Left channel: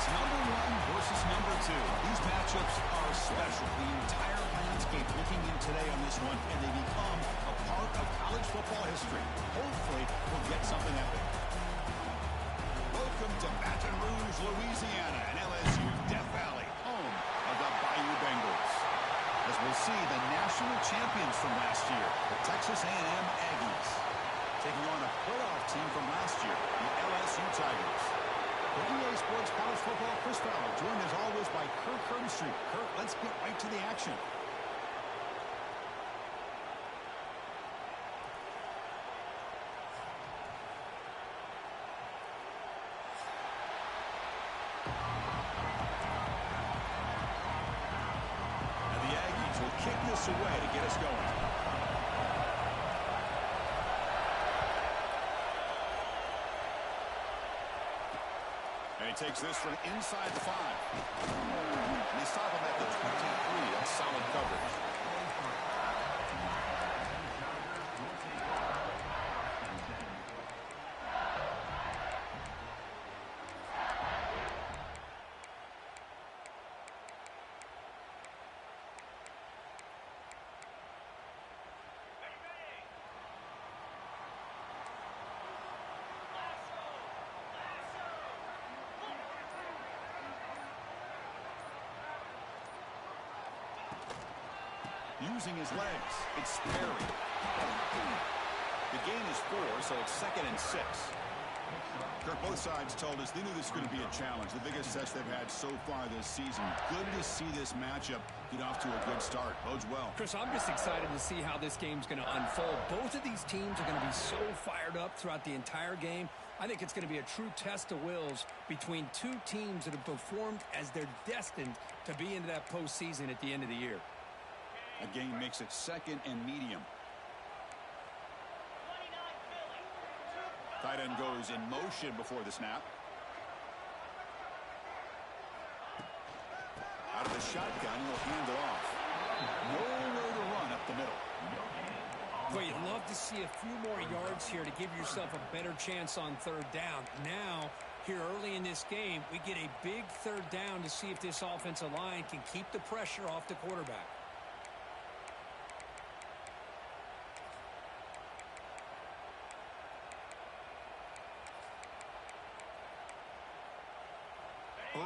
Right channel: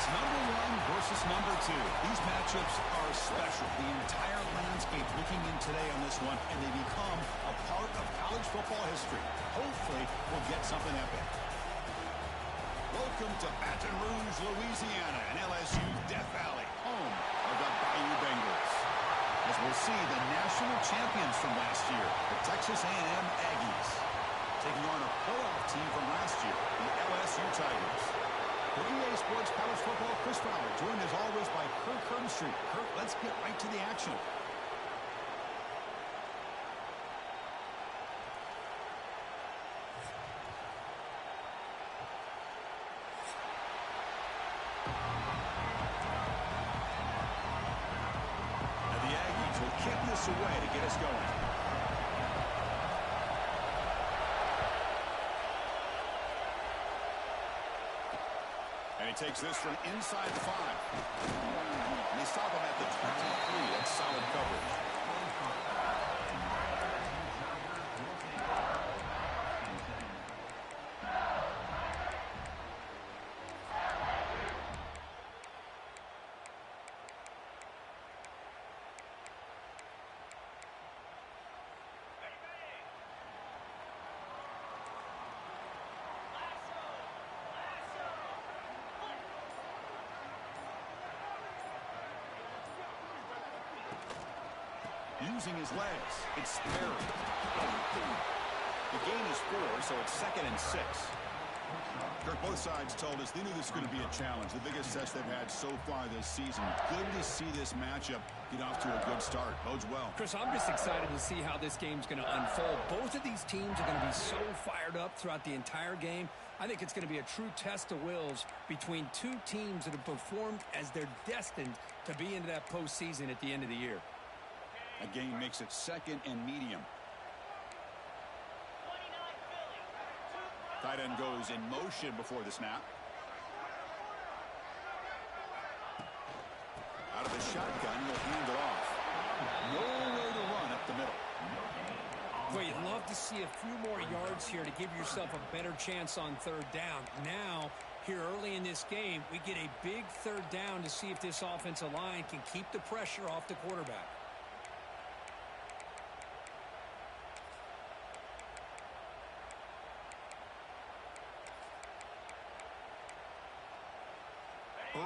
It's number 1 versus number 2. These matchups are special. The entire landscape looking in today on this one, and they become a part of college football history. Hopefully, we'll get something epic. Welcome to Baton Rouge, Louisiana, and LSU's Death Valley, home of the Bayou Bengals. As we'll see, the national champions from last year, the Texas A&M Aggies, taking on a playoff team from last year, the LSU Tigers. For EA Sports College Football, Chris Fowler, joined as always by Kirk Herbstreit. Kirk, let's get right to the action. And the Aggies will kick this away to get us going. And he takes this from inside the 5. And they stop him at the 23. That's solid coverage. Using his legs, it's Perry. The gain is 4, so it's 2nd and 6. Kirk, both sides told us they knew this was going to be a challenge, the biggest test they've had so far this season. Good to see this matchup get off to a good start. Bodes well. Chris, I'm just excited to see how this game's going to unfold. Both of these teams are going to be so fired up throughout the entire game. I think it's going to be a true test of wills between two teams that have performed as they're destined to be into that postseason at the end of the year. A gain makes it 2nd and medium. Tight end goes in motion before the snap. Out of the shotgun, he'll hand it off. Nowhere to run up the middle. Well, you'd love to see a few more yards here to give yourself a better chance on 3rd down. Now, here early in this game, we get a big 3rd down to see if this offensive line can keep the pressure off the quarterback.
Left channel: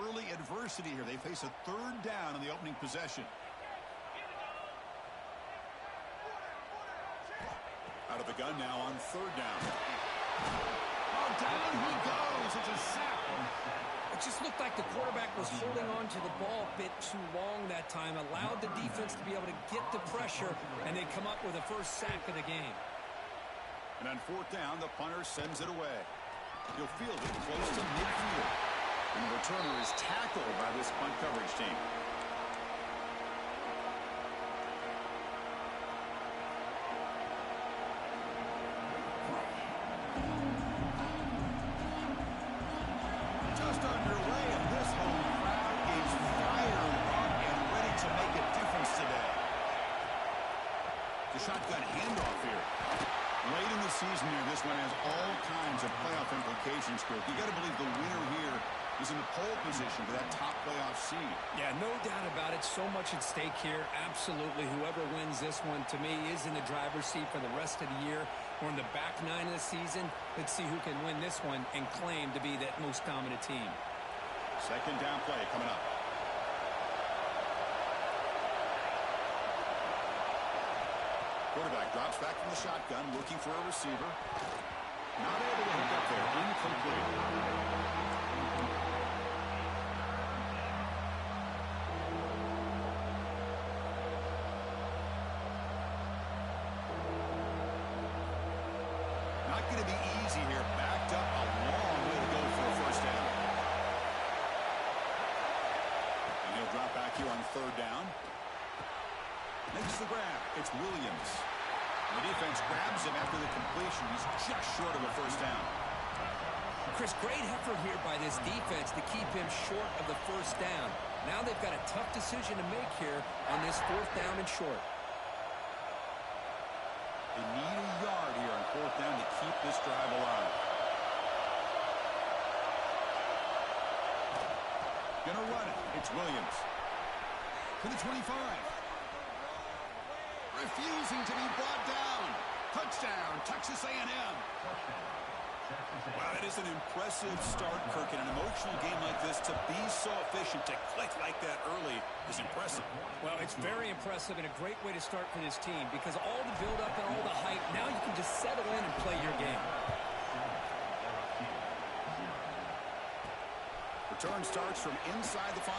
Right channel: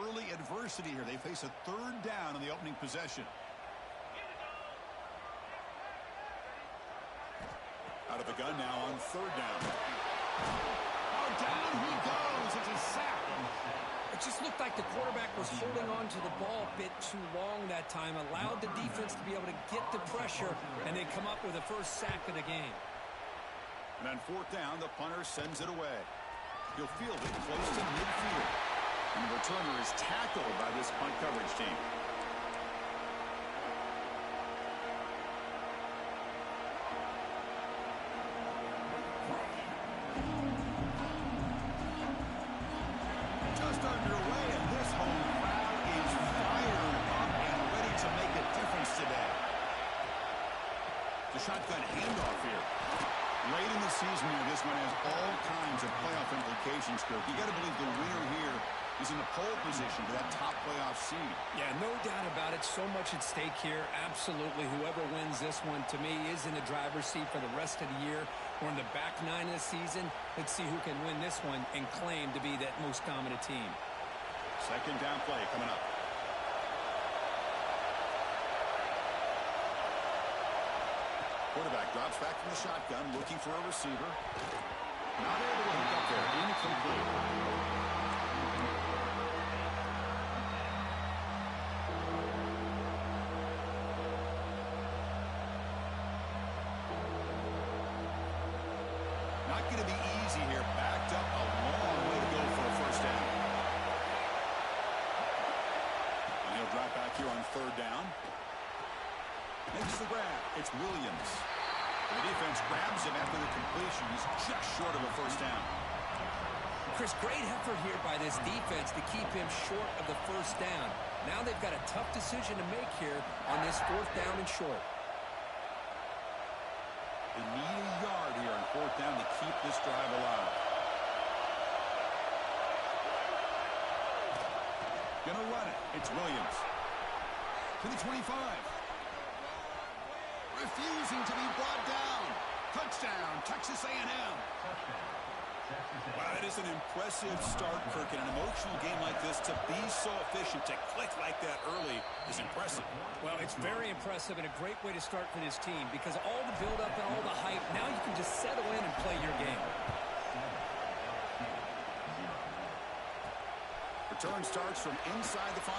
Early adversity here. They face a 3rd down in the opening possession. Out of the gun now on 3rd down. Oh, down he goes. It's a sack. It just looked like the quarterback was holding on to the ball a bit too long that time, allowed the defense to be able to get the pressure, and they come up with the first sack of the game. And on 4th down, the punter sends it away. He'll field it close to midfield. And the returner is tackled by this punt coverage team. Just underway, and this home crowd is fired up and ready to make a difference today. The shotgun handoff here. Late in the season here, this one has all kinds of playoff implications, Kirk. You got to believe the winner here is in the pole position for that top playoff seed. Yeah, no doubt about it. So much at stake here. Absolutely. Whoever wins this one, to me, is in the driver's seat for the rest of the year. We're in the back 9 of the season. Let's see who can win this one and claim to be that most dominant team. 2nd down play coming up. Quarterback drops back from the shotgun, looking for a receiver. Not able to hook up there. Incomplete. Not going to be easy here. Backed up a long way to go for a 1st down. And he'll drop back here on 3rd down. Makes the grab. It's Williams. And the defense grabs him after the completion. He's just short of a 1st down. Chris, great effort here by this defense to keep him short of the 1st down. Now they've got a tough decision to make here on this 4th down and short. They need a yard here on 4th down to keep this drive alive. Gonna run it. It's Williams. To the 25. Refusing to be brought down. Touchdown, Texas A&M. Wow, that is an impressive start, Kirk. In an emotional game like this, to be so efficient, to click like that early is impressive. Well, it's very impressive and a great way to start for this team because all the build-up and all the hype, now you can just settle in and play your game. Return starts from inside the 5.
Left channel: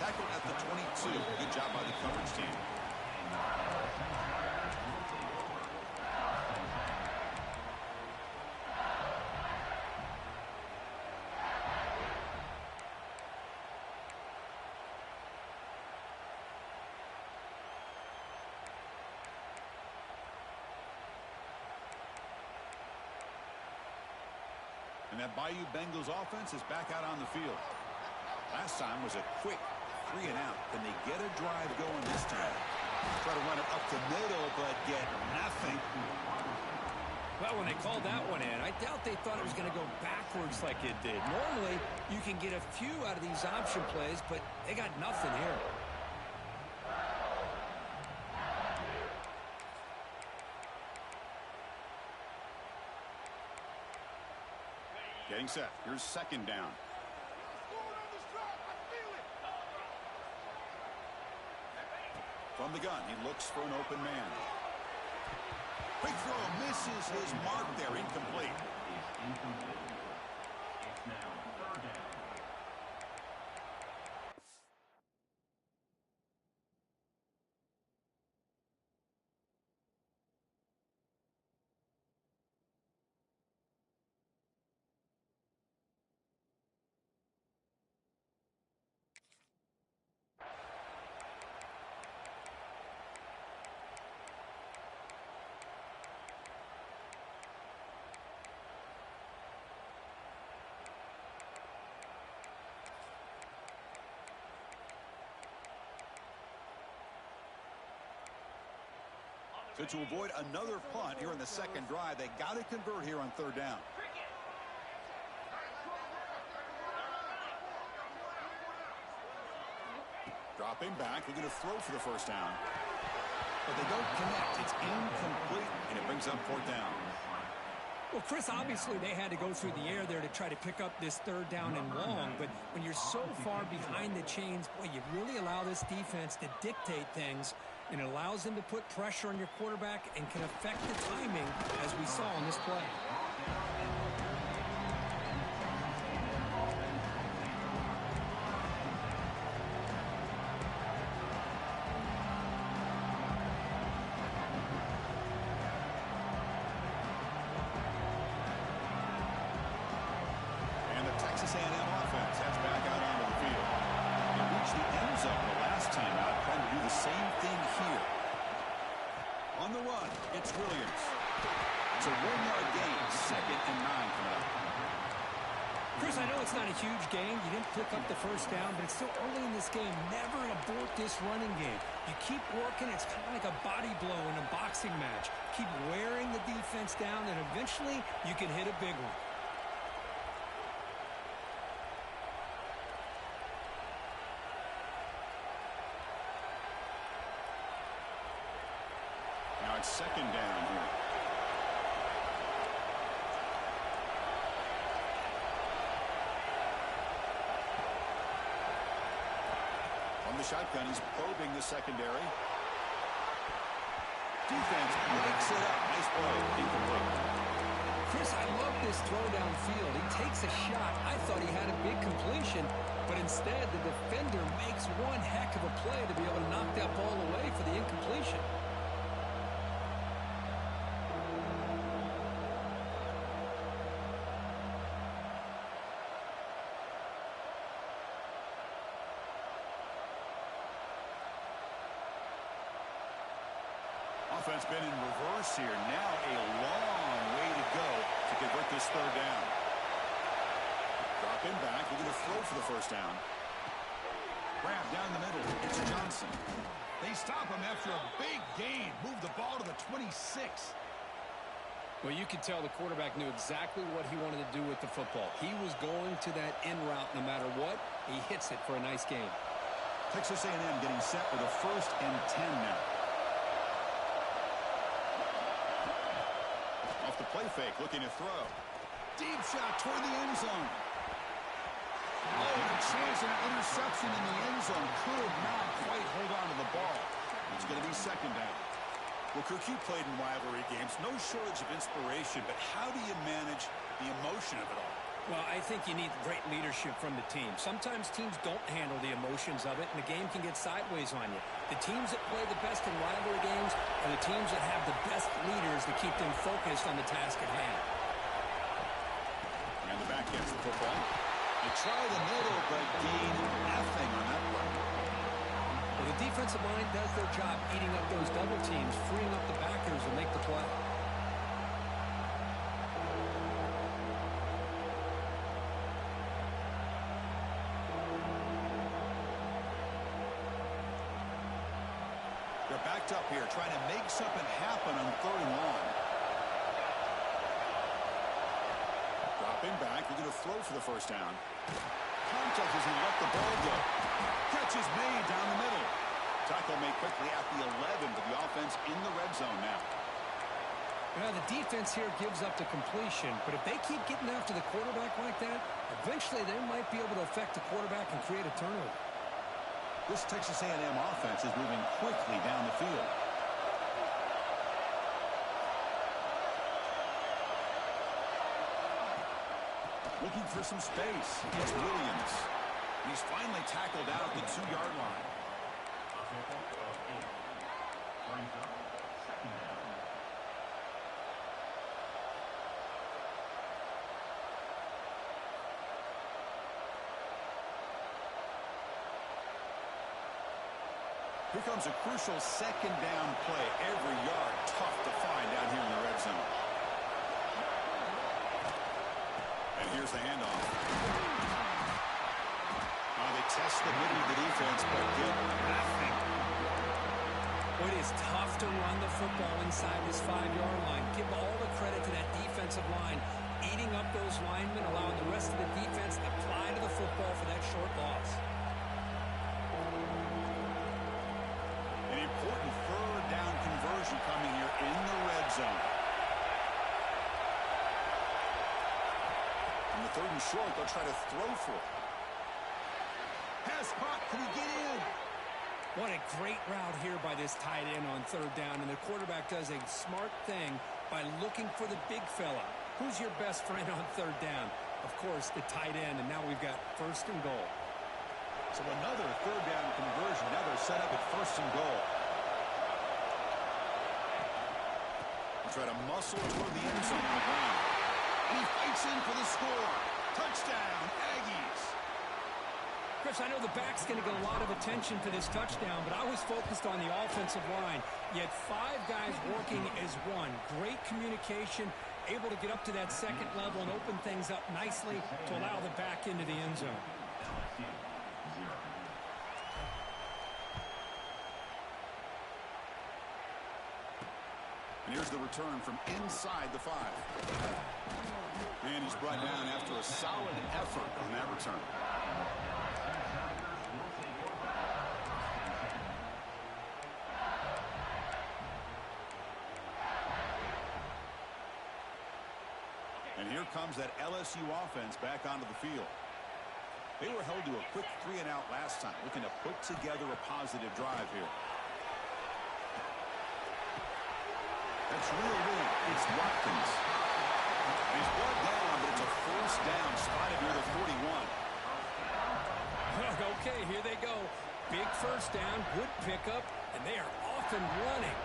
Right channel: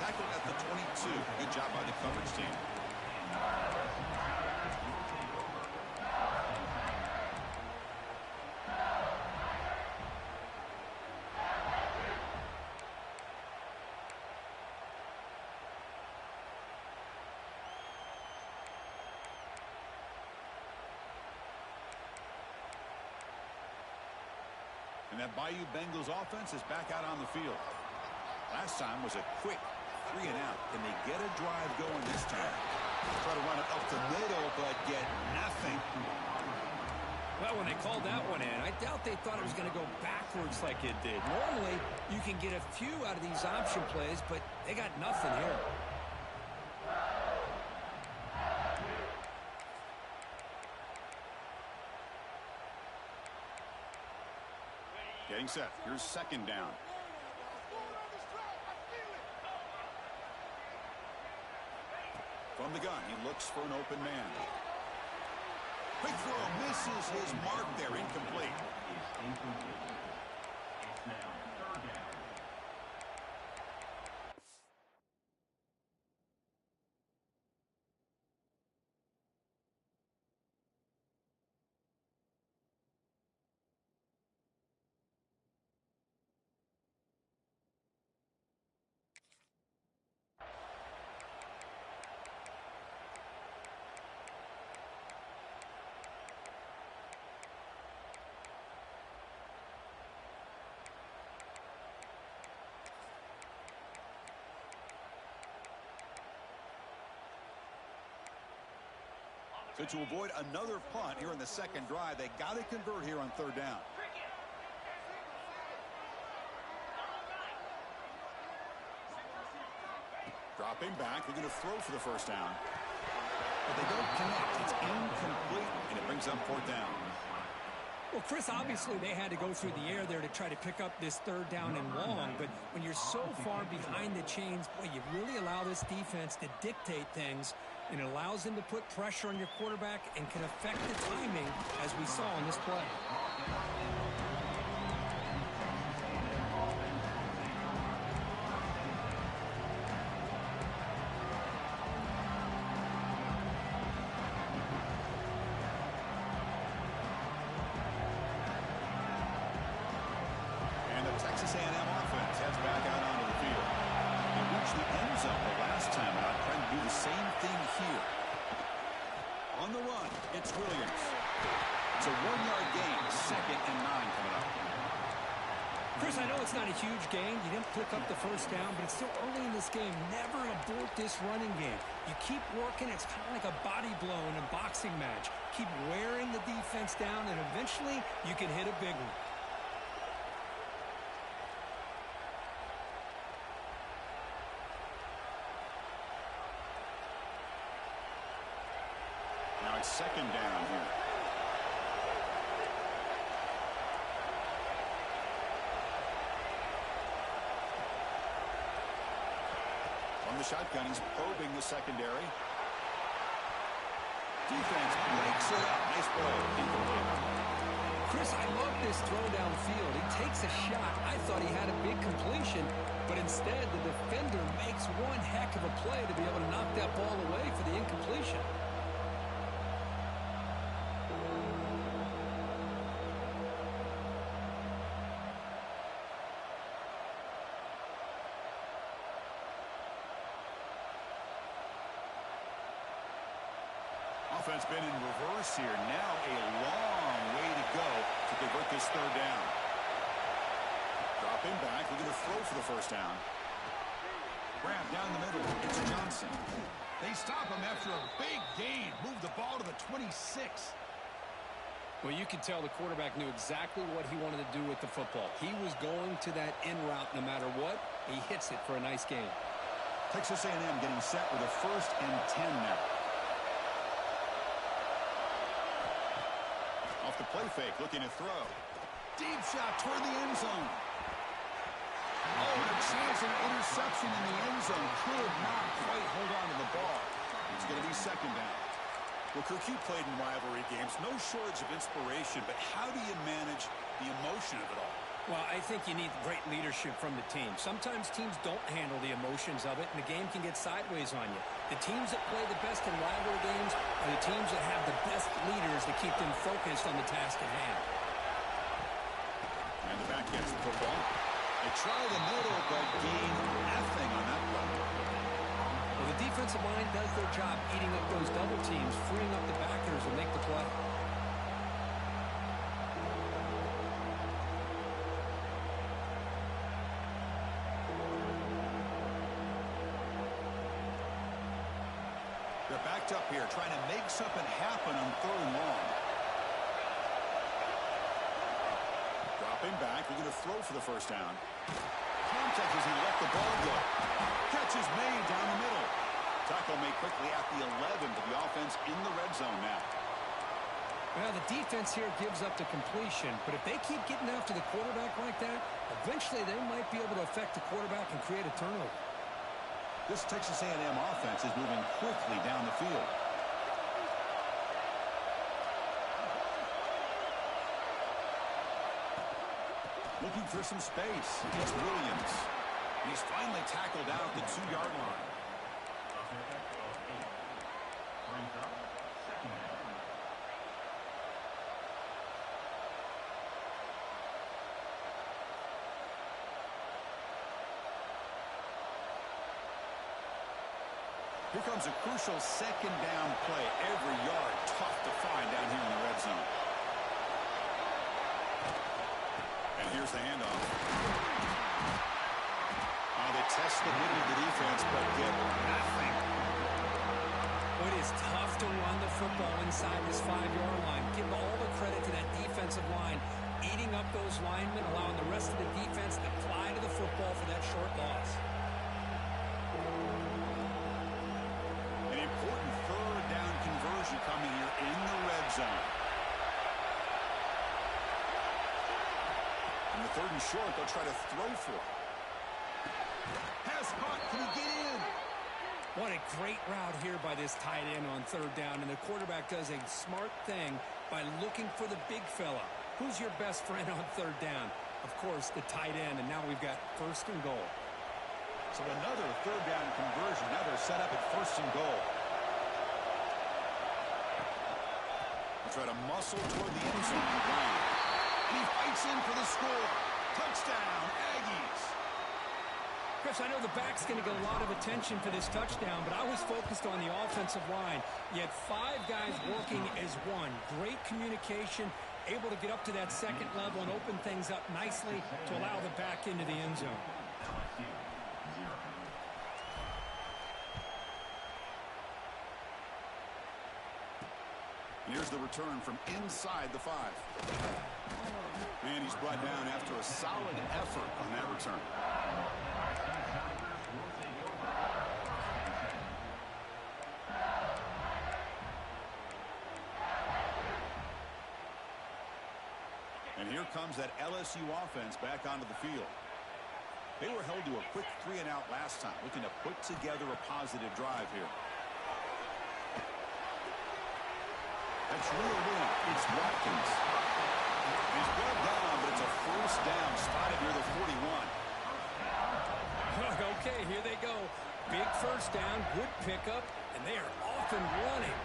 Tackled at the 22. Good job by the coverage team. And that Bayou Bengals offense is back out on the field. Last time was a quick 3 and out. Can they get a drive going this time? Try to run it up the middle, but get nothing. Well, when they called that one in, I doubt they thought it was going to go backwards like it did. Normally, you can get a few out of these option plays, but they got nothing here. Getting set. Here's second down. From the gun, he looks for an open man. Quick throw, misses his mark there, incomplete. It's now third down. So to avoid another punt here in the second drive, they got to convert here on third down. Dropping back, they're going to throw for the first down. But they don't connect. It's incomplete, and it brings up fourth down. Well, Chris, obviously they had to go through the air there to try to pick up this third down and long, but when you're so far behind the chains, boy, you really allow this defense to dictate things, and it allows them to put pressure on your quarterback and can affect the timing, as we saw in this play. Texas A&M offense heads back out onto the field. They reached the end zone the last time out, trying to do the same thing here. On the run, it's Williams. It's a 1-yard gain, 2nd and 9 coming up. Chris, I know it's not a huge gain. You didn't pick up the first down, but it's still early in this game. Never abort this running game. You keep working. It's kind of like a body blow in a boxing match. Keep wearing the defense down, and eventually you can hit a big one. Now it's second down here. From the shotgun, he's probing the secondary. Defense breaks it up. Nice play. Incomplete. Chris, I love this throw downfield. He takes a shot. I thought he had a big completion, but instead the defender makes one heck of a play to be able to knock that ball away for the incompletion. Offense been in reverse here. Now a long way to go to convert this third down. Dropping back. We're going to throw for the first down. Grab down the middle. It's Johnson. They stop him after a big gain. Move the ball to the 26. Well, you could tell the quarterback knew exactly what he wanted to do with the football. He was going to that in route no matter what. He hits it for a nice gain. Texas A&M getting set with a 1st and 10 now. Off the play fake, looking to throw. Deep shot toward the end zone. Oh, and a chance at an interception in the end zone. Could not quite hold on to the ball. It's going to be 2nd down. Well, Kirk, you played in rivalry games. No shortage of inspiration, but how do you manage the emotion of it all? Well, I think you need great leadership from the team. Sometimes teams don't handle the emotions of it, and the game can get sideways on you. The teams that play the best in rivalry games are the teams that have the best leaders to keep them focused on the task at hand. And the back gets the football. They try the middle, but gain nothing on that play. Well, the defensive line does their job eating up those double teams, freeing up the backers to make the play. They're backed up here, trying to make something happen on 3rd and long. Dropping back, looking to throw for the 1st down. Contact as he let the ball go. Catch is made down the middle. Tackle made quickly at the 11, but the offense in the red zone now. Well, the defense here gives up the completion, but if they keep getting after the quarterback like that, eventually they might be able to affect the quarterback and create a turnover. This Texas A&M offense is moving quickly down the field. Looking for some space. It's Williams. He's finally tackled out at the 2-yard line. Brings up 2nd down. Here comes a crucial 2nd down play. Every yard tough to find down here in the red zone. And here's the handoff. They test the middle of the defense, but get nothing. It is tough to run the football inside this 5-yard line. Give all the credit to that defensive line, eating up those linemen, allowing the rest of the defense to fly to the football for that short loss. An important 3rd down conversion coming here in the red zone. On the 3rd and short, they'll try to throw for it. Pass caught. Can he get in? What a great route here by this tight end on 3rd down, and the quarterback does a smart thing by looking for the big fella. Who's your best friend on 3rd down? Of course, the tight end, and now we've got 1st and goal. So another 3rd down conversion. Now they're set up at 1st and goal. They'll try to muscle toward the end zone on the ground. And he fights in for the score. Touchdown, Aggies. Chris, I know the back's going to get a lot of attention for this touchdown, but I was focused on the offensive line. You had 5 guys working as one. Great communication, able to get up to that 2nd level and open things up nicely to allow the back into the end zone. LSU 0. And here's the return from inside the 5. And he's brought down after a solid effort on that return. And here comes that LSU offense back onto the field. They were held to a quick 3-and-out last time, looking to put together a positive drive here. That's real win. It's Watkins. He's brought down, but it's a 1st down spotted near the 41. Okay, here they go. Big 1st down, good pickup, and they are off and running.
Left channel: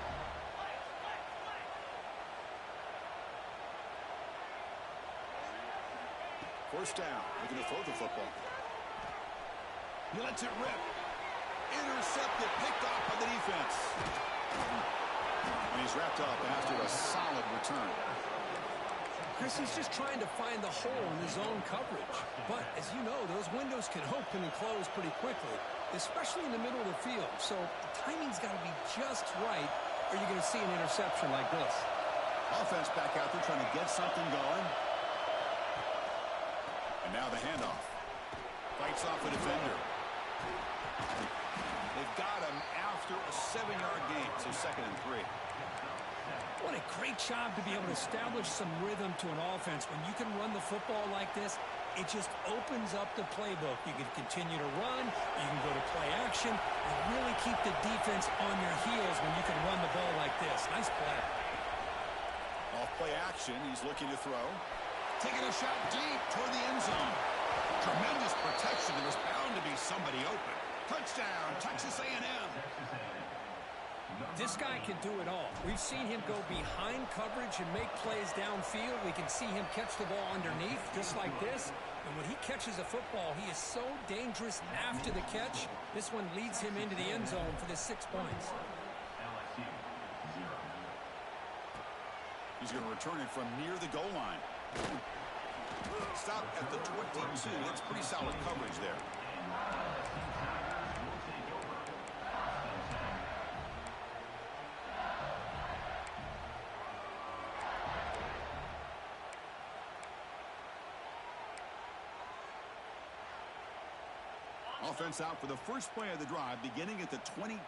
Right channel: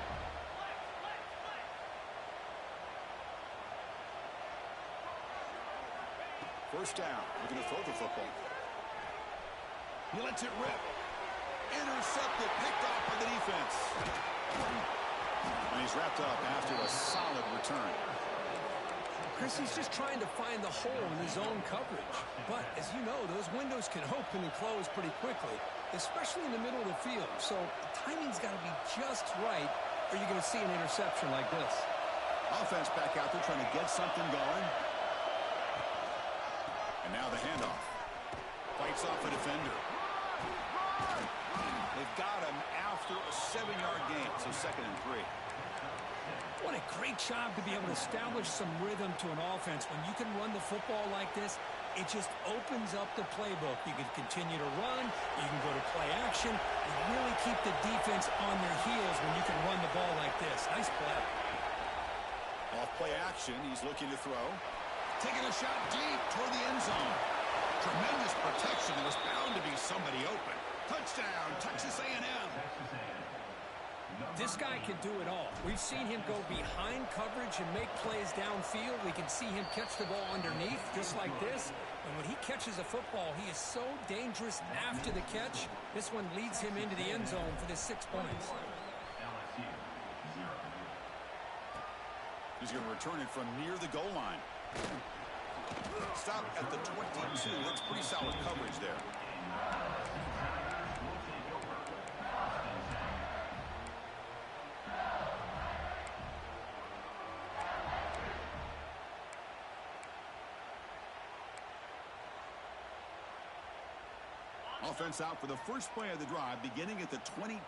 First down, looking to throw the football. He lets it rip. Intercepted, picked off by the defense. And he's wrapped up after a solid return. Chris, he's just trying to find the hole in his own coverage. But, as you know, those windows can open and close pretty quickly, especially in the middle of the field. So the timing's got to be just right, or you're going to see an interception like this. Offense back out there trying to get something going. And now the handoff. Fights off a defender. They've got him after a 7-yard gain, so 2nd and 3. What a great job to be able to establish some rhythm to an offense. When you can run the football like this, it just opens up the playbook. You can continue to run. You can go to play action. And really keep the defense on their heels when you can run the ball like this. Nice play. Off play action, he's looking to throw. Taking a shot deep toward the end zone. Tremendous protection. There was bound to be somebody open. Touchdown, Texas A&M. This guy can do it all. We've seen him go behind coverage and make plays downfield. We can see him catch the ball underneath just like this. And when he catches a football, he is so dangerous after the catch. This one leads him into the end zone for the 6 points. LSU 0. He's going to return it from near the goal line. Stop at the 22. That's pretty solid coverage there. Offense out for the first play of the drive, beginning at the 22.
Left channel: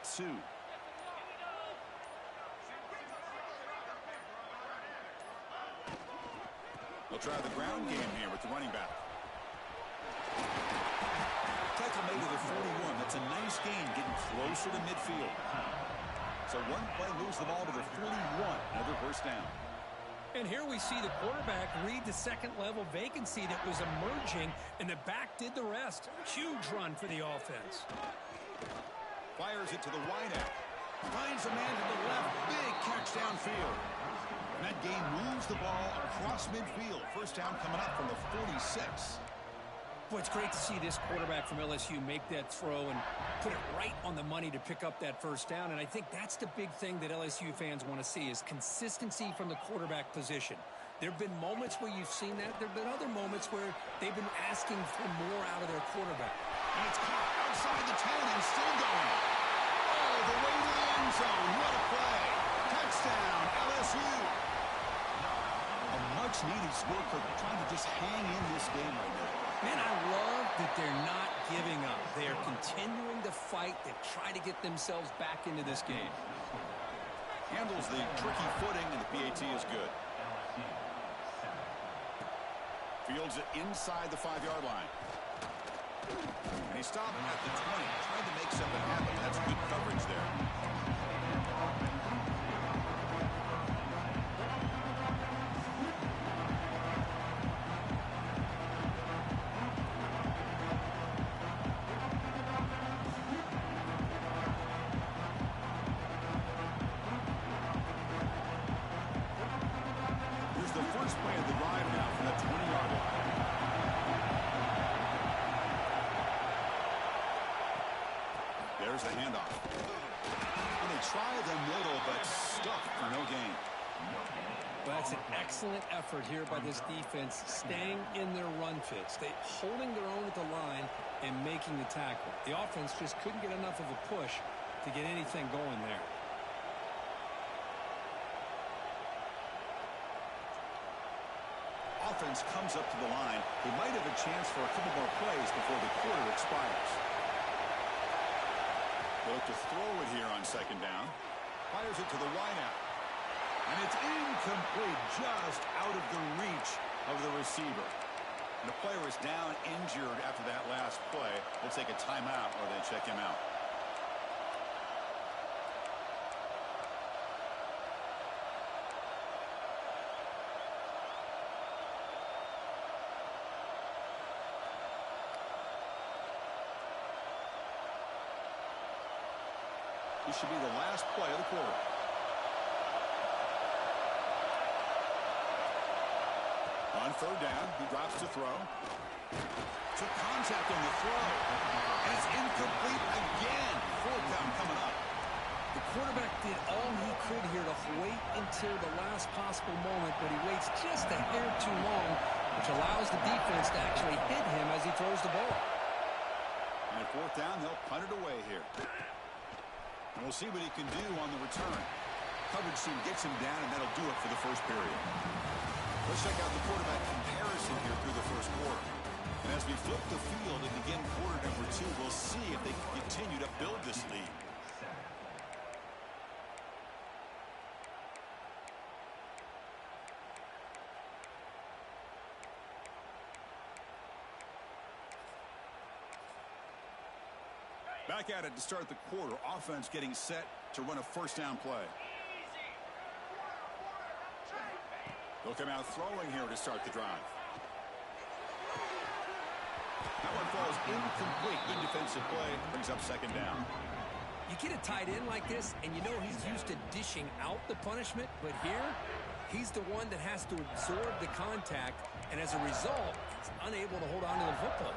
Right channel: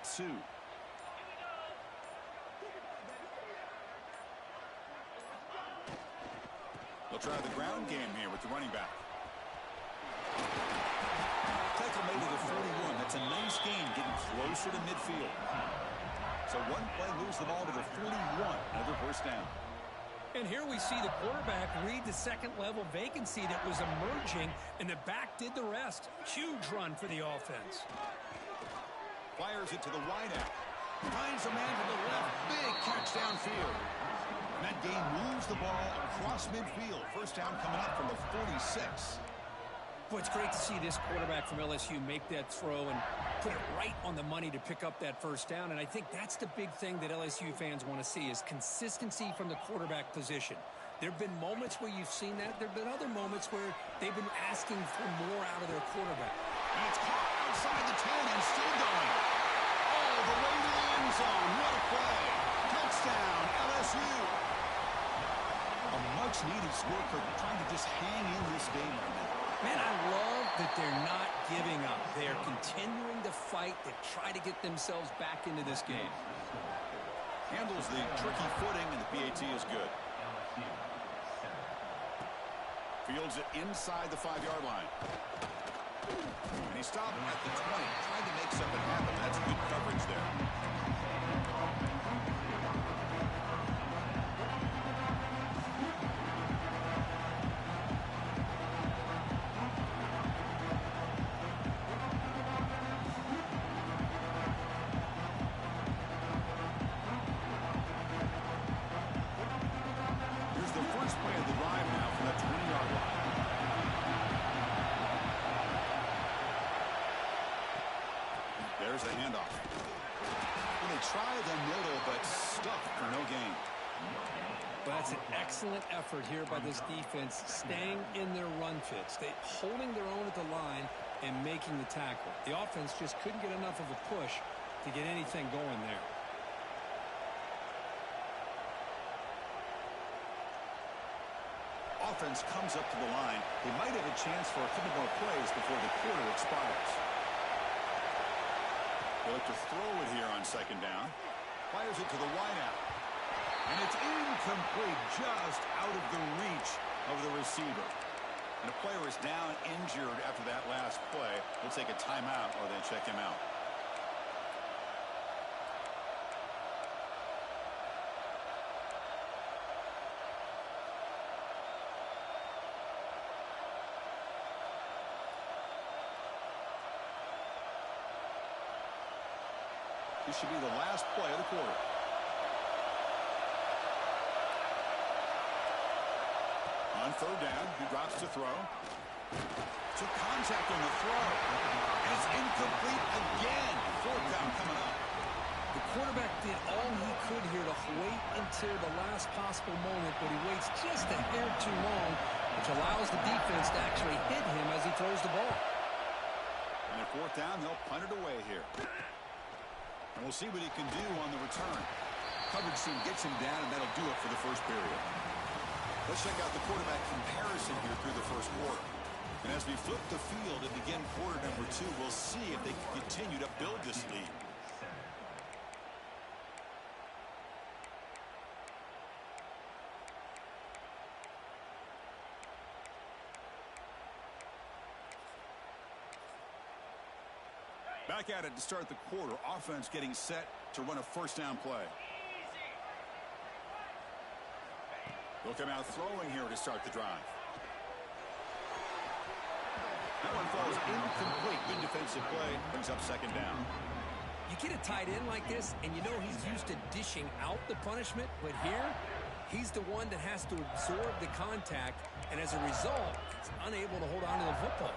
They'll try the ground game here with the running back. Tackle made to the 41. That's a nice gain, getting closer to midfield. So one play moves the ball to the 41. Another first down. And here we see the quarterback read the second-level vacancy that was emerging, and the back did the rest. Huge run for the offense. Fires it to the wideout. Finds a man to the left. Big catch downfield. And that gain moves the ball across midfield. First down coming up from the 46. Boy, it's great to see this quarterback from LSU make that throw and put it right on the money to pick up that first down. And I think that's the big thing that LSU fans want to see is consistency from the quarterback position. There have been moments where you've seen that. There have been other moments where they've been asking for more out of their quarterback. And it's caught outside the 10 and still going. All the way to the end zone. What a play. Touchdown, LSU. A much-needed worker trying to just hang in this game right now. Man, I love that they're not giving up. They are continuing to fight. They try to get themselves back into this game. Handles the tricky footing, and the PAT is good. LSU 7. Fields it inside the 5-yard line. And he stopped at the 20, trying to make something happen. That's good coverage there. Here's the first play of the drive now from that 20-yard line. There's the handoff. And they try the middle, but stuffed for no gain. Well, that's an excellent effort here by this defense, staying in their run fits. They holding their own at the line and making the tackle. The offense just couldn't get enough of a push to get anything going there. Offense comes up to the line. They might have a chance for a couple more plays before the quarter expires. They look to throw it here on second down. Fires it to the wideout. And it's incomplete, just out of the reach of the receiver. And a player is down injured after that last play. They'll take a timeout or they check him out. This should be the last play of the quarter. On third down, he drops to throw. Took contact on the throw. And it's incomplete again. Fourth down coming up. The quarterback did all he could here to wait until the last possible moment, but he waits just a hair too long, which allows the defense to actually hit him as he throws the ball. And at fourth down, they'll punt it away here. And we'll see what he can do on the return. coverage team gets him down, and that'll do it for the first period. Let's check out the quarterback comparison here through the first quarter. And as we flip the field and begin quarter number 2, we'll see if they can continue to build this lead. Back at it to start the quarter. Offense getting set to run a first down play. They'll come out throwing here to start the drive. That one falls incomplete. Good defensive play. Brings up second down. You get a tight end like this, and you know he's used to dishing out the punishment, but here, he's the one that has to absorb the contact, and as a result, he's unable to hold on to the football.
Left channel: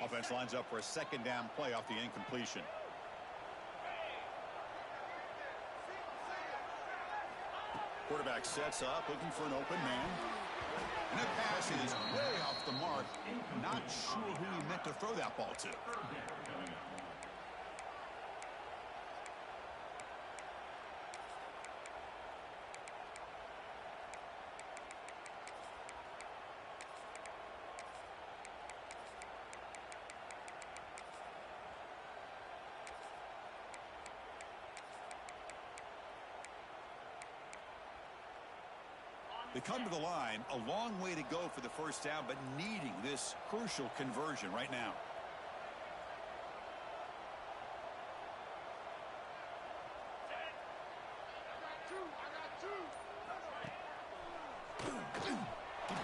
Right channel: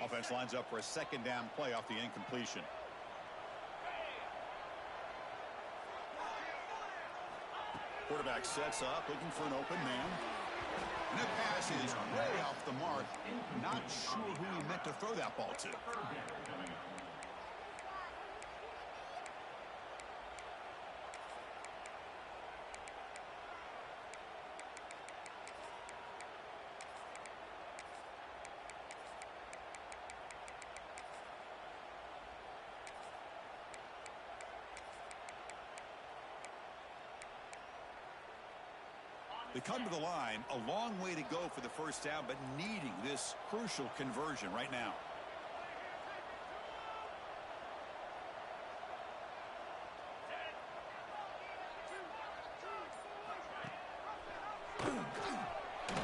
Offense lines up for a second down play off the incompletion. Quarterback sets up, looking for an open man. And that pass is way off the mark. Not sure who he meant to throw that ball to. They come to the line, a long way to go for the first down, but needing this crucial conversion right now. He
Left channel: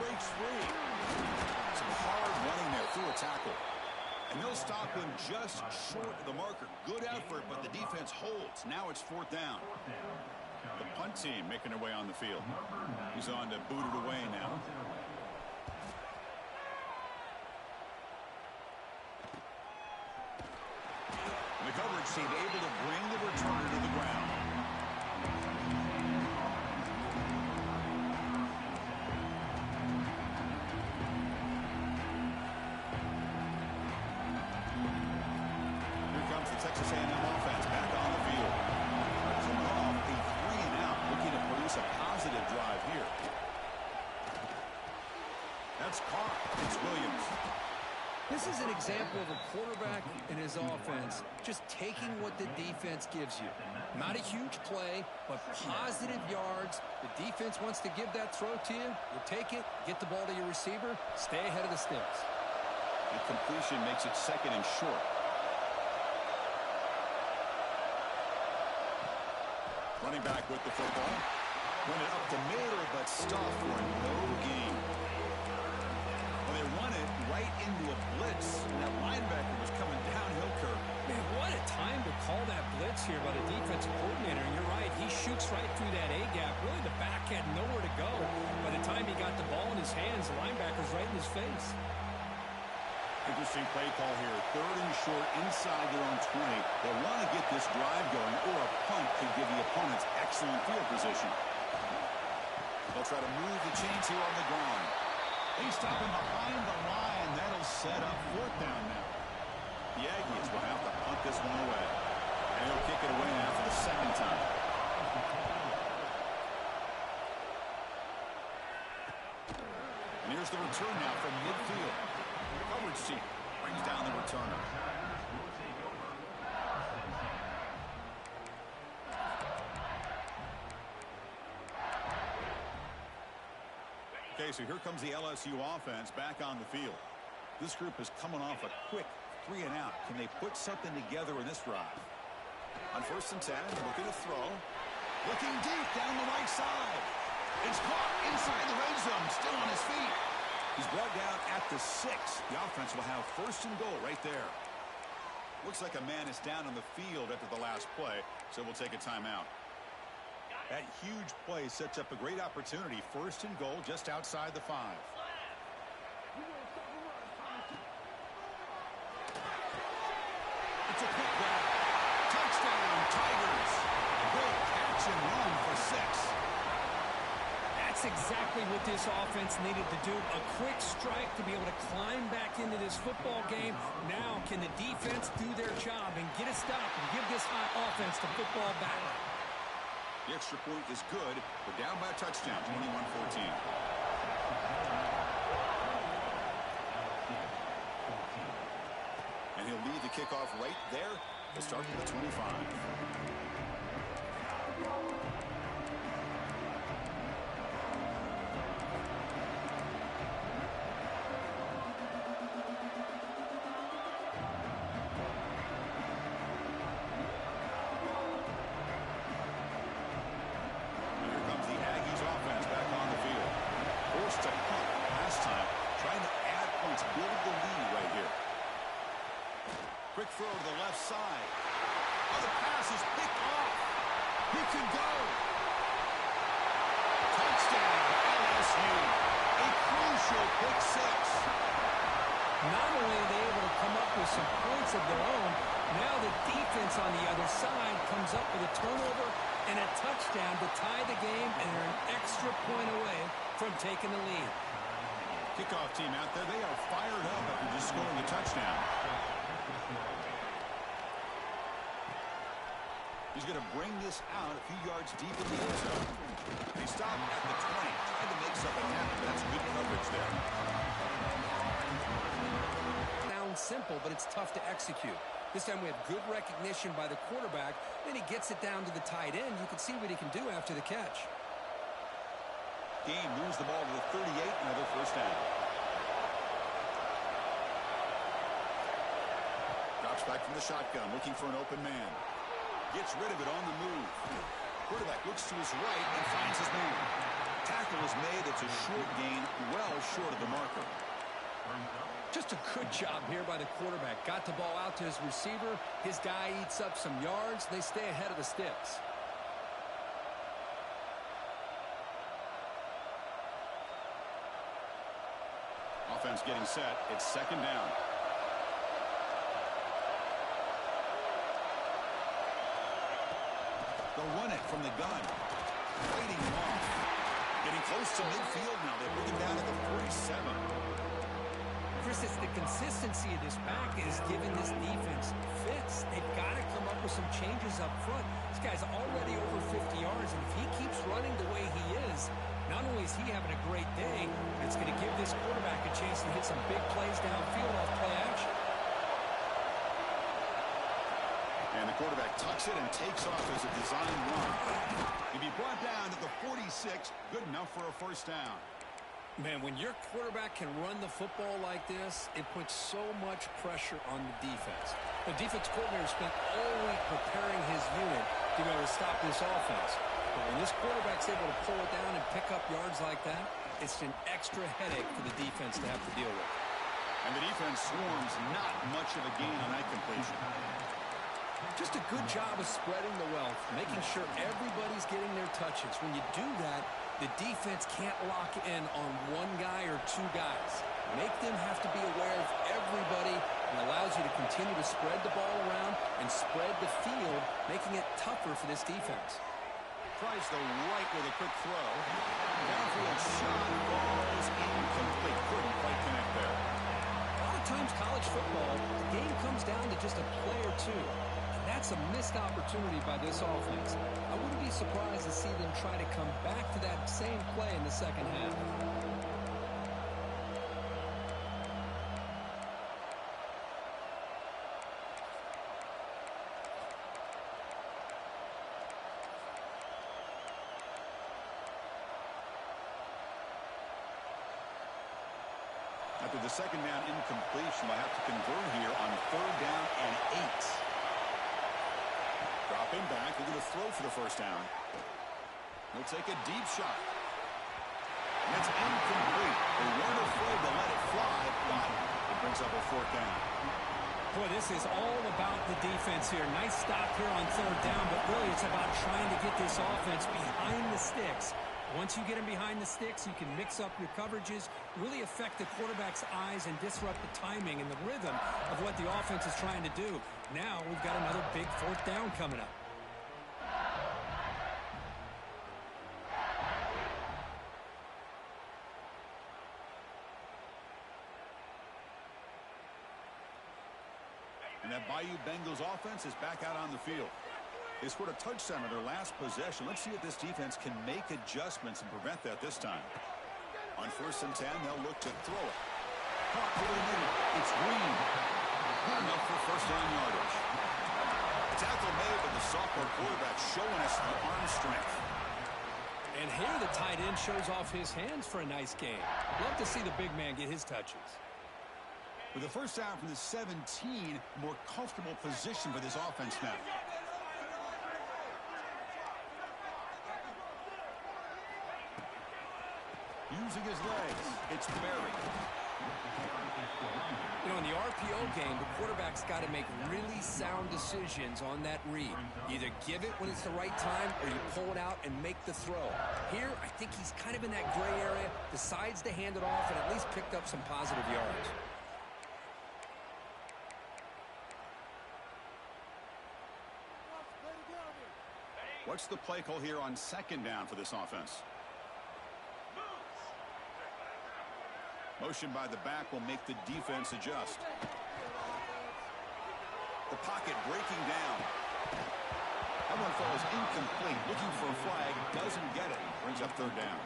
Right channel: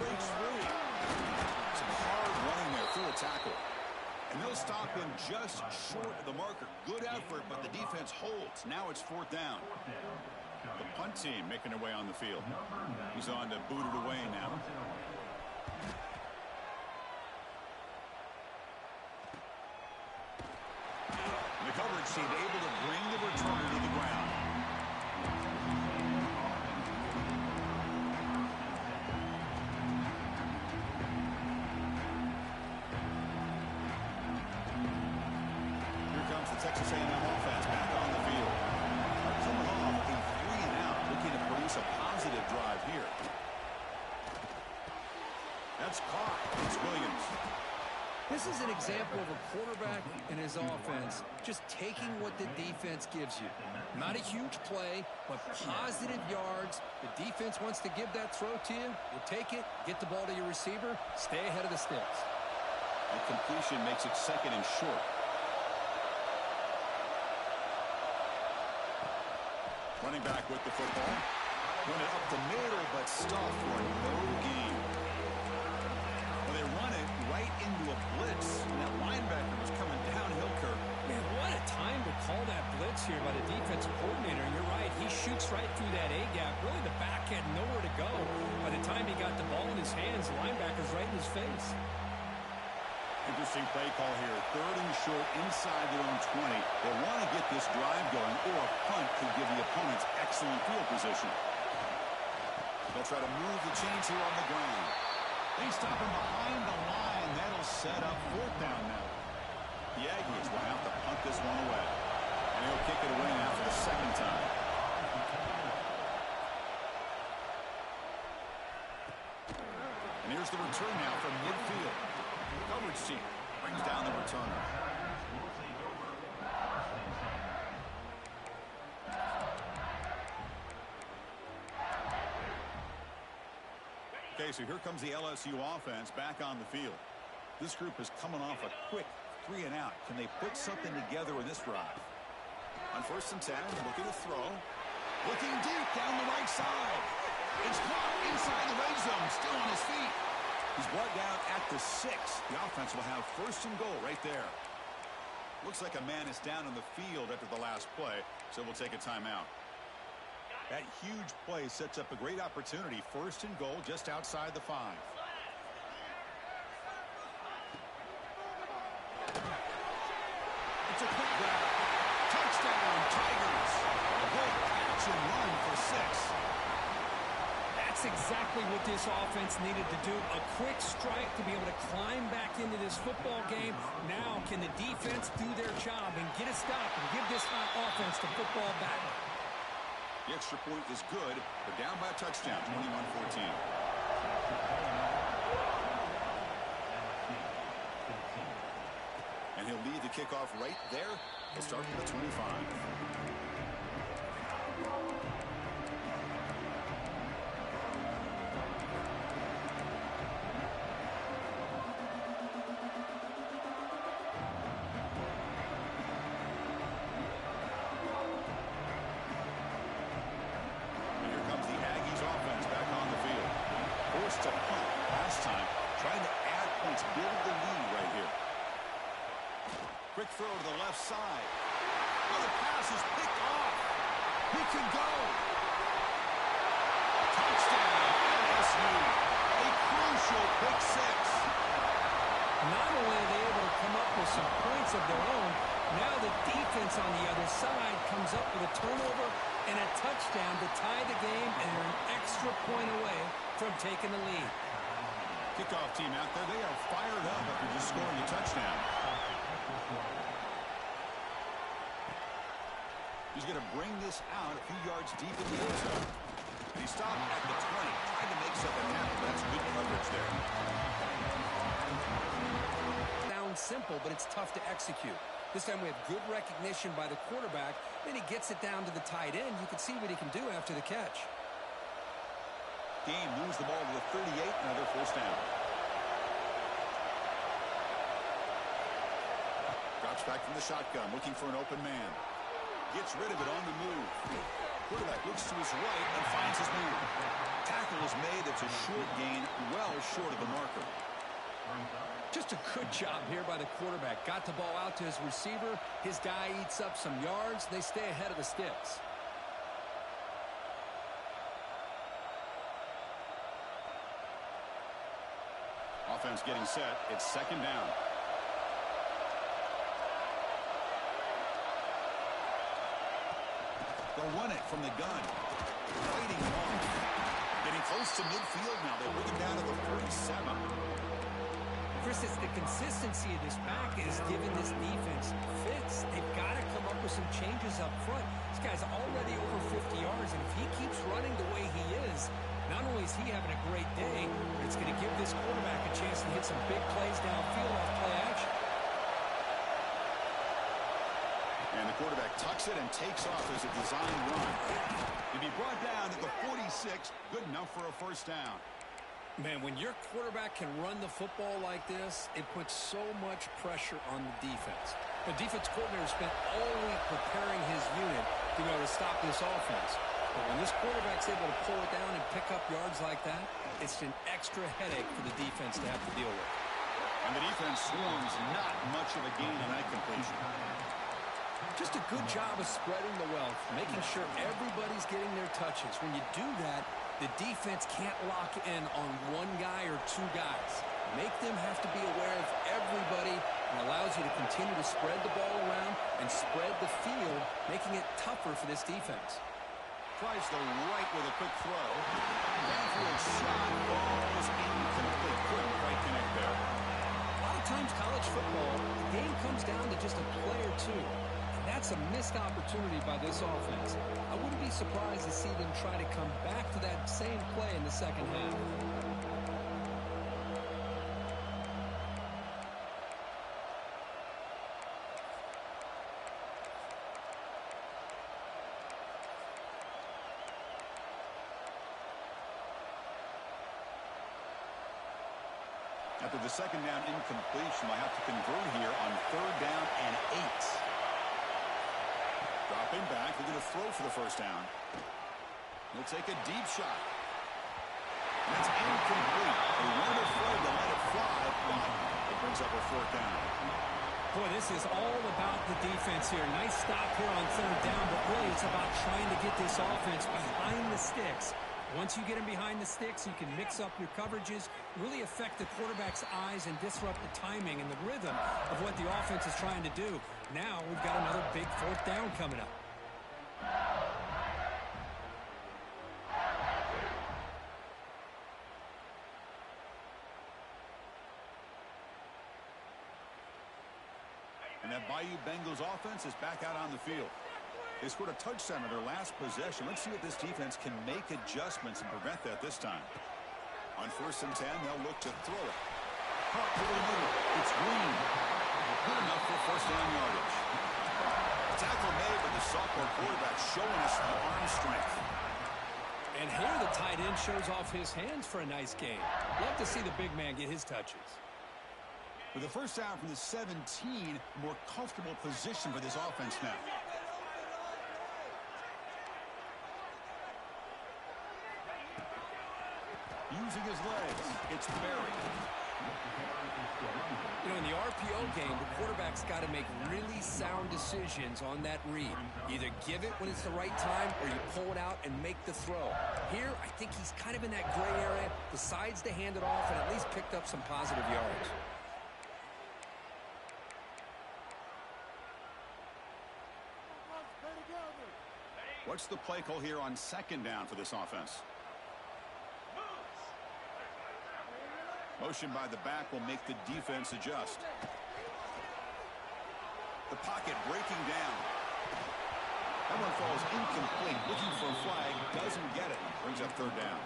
breaks free. Some hard running there through a tackle. And they'll stop him just short of the marker. Good effort, but the defense holds. Now it's fourth down. The punt team making their way on the field. He's on to boot it away now. And the coverage team able to bring the returner to the ground. Here comes the Texas A&M offense back on the field. They're coming off a looking to produce a positive drive here. That's caught. It's Williams. This is an example of a quarterback and his offense just taking what the defense gives you. Not a huge play, but positive yards. The defense wants to give that throw to you. You take it, get the ball to your receiver, stay ahead of the sticks. The completion makes it second and short. Running back with the football. Run it up the middle, but stuffed for no gain. Well, they run it right into a blitz, and that linebacker was coming downhill curve. Man, what a time to call that blitz here by the defensive coordinator. And you're right, he shoots right through that A-gap. Really, the back had nowhere to go. By the time he got the ball in his hands, the linebacker's right in his face. Interesting play call here. Third and short inside their own 20. They want to get this drive going, or a punt could give the opponents excellent field position. They'll try to move the chains here on the ground. They stop him behind the line. That'll set up fourth down now. The Aggies will have to punt this one away. And he'll kick it away now for the second time. And here's the return now from midfield. Coverage team brings down the returner. Okay, so here comes the LSU offense back on the field. This group is coming off a quick 3 and out. Can they put something together in this drive? On 1st and 10, looking to throw. Looking deep down the right side. It's caught inside the red zone, still on his feet. He's brought down at the 6. The offense will have 1st and goal right there. Looks like a man is down on the field after the last play, so we'll take a timeout. That huge play sets up a great opportunity. 1st and goal just outside the 5. It's a quick grab. Touchdown, Tigers. Great catch and run for 6. That's exactly what this offense needed to do. A quick strike to be able to climb back into this football game. Now can the defense do their job and get a stop and give this hot offense the football back? The extra point is good. They're down by a touchdown, 21-14. And he'll lead the kickoff right there. He'll start with the 25. To punt last time, trying to add points, build the lead right here. Quick throw to the left side. Oh, the pass is picked off. He can go. Touchdown, LSU. A crucial pick 6. Not only are they able to come up with some points of their own, now the defense on the other side comes up with a turnover and a touchdown to tie the game, and they're an extra point away from taking the lead. Kickoff team out there, they are fired up after just scoring a touchdown. He's going to bring this out a few yards deep in the end zone. And he stopped at the 20, tried to make something happen, but that's good coverage there. Sounds simple, but it's tough to execute. This time we have good recognition by the quarterback. Then he gets it down to the tight end. You can see what he can do after the catch. Game moves the ball to the 38, another first down. Drops back from the shotgun, looking for an open man. Gets rid of it on the move. Quarterback looks to his right and finds his man. Tackle is made. It's a short gain, well short of the marker. Just a good job here by the quarterback. Got the ball out to his receiver. His guy eats up some yards. They stay ahead of the sticks. Offense getting set. It's second down. They'll run it from the gun. Fighting him off. Getting close to midfield now. They bring him down to the 47. Chris, it's the consistency of this back is giving this defense fits. They've got to come up with some changes up front. This guy's already over 50 yards, and if he keeps running the way he is, not only is he having a great day, but it's going to give this quarterback a chance to hit some big plays downfield off play action. And the quarterback tucks it and takes off as a design run. He'll be brought down to the 46, good enough for a first down. Man, when your quarterback can run the football like this, it puts so much pressure on the defense. The defense coordinator spent all week preparing his unit to be able to stop this offense. But when this quarterback's able to pull it down and pick up yards like that, it's an extra headache for the defense to have to deal with. And the defense swarms not much of a gain on that completion. Just a good job of spreading the wealth, making sure everybody's getting their touches. When you do that, the defense can't lock in on one guy or two guys. Make them have to be aware of everybody and allows you to continue to spread the ball around and spread the field, making it tougher for this defense. Tries the right with a quick throw. Downfield shot falls incomplete. Couldn't quite connect there. A lot of times college football, the game comes down to just a play or two. That's a missed opportunity by this offense. I wouldn't be surprised to see them try to come back to that same play in the second half. After the second down incompletion, they'll have to convert here on third down and 8. Dropping back, they're going to throw for the first down. He'll take a deep shot. And that's incomplete. They weren't afraid to let it fly, but it brings up a fourth down. Boy, this is all about the defense here. Nice stop here on third down, but really it's about trying to get this offense behind the sticks. Once you get them behind the sticks, you can mix up your coverages, really affect the quarterback's eyes and disrupt the timing and the rhythm of what the offense is trying to do. Now we've got another big fourth down coming up. that Bayou Bengals offense is back out on the field. They scored a touchdown on their last possession. Let's see if this defense can make adjustments and prevent that this time. On 1st and 10, they'll look to throw it. Caught over the middle. It's Green. Good enough for 1st down yardage. Tackle made, but the sophomore quarterback showing us the arm strength. And here the tight end shows off his hands for a nice game. Love to see the big man get his touches. With a 1st down from the 17, more comfortable position for this offense now. Using his legs, it's Berry. You know, in the RPO game, the quarterback's got to make really sound decisions on that read. Either give it when it's the right time or you pull it out and make the throw. Here, I think he's kind of in that gray area, decides to hand it off and at least picked up some positive yards. What's the play call here on 2nd down for this offense? Motion by the back will make the defense adjust. The pocket breaking down. That one falls incomplete. Looking for a flag. Doesn't get it. Brings up 3rd down.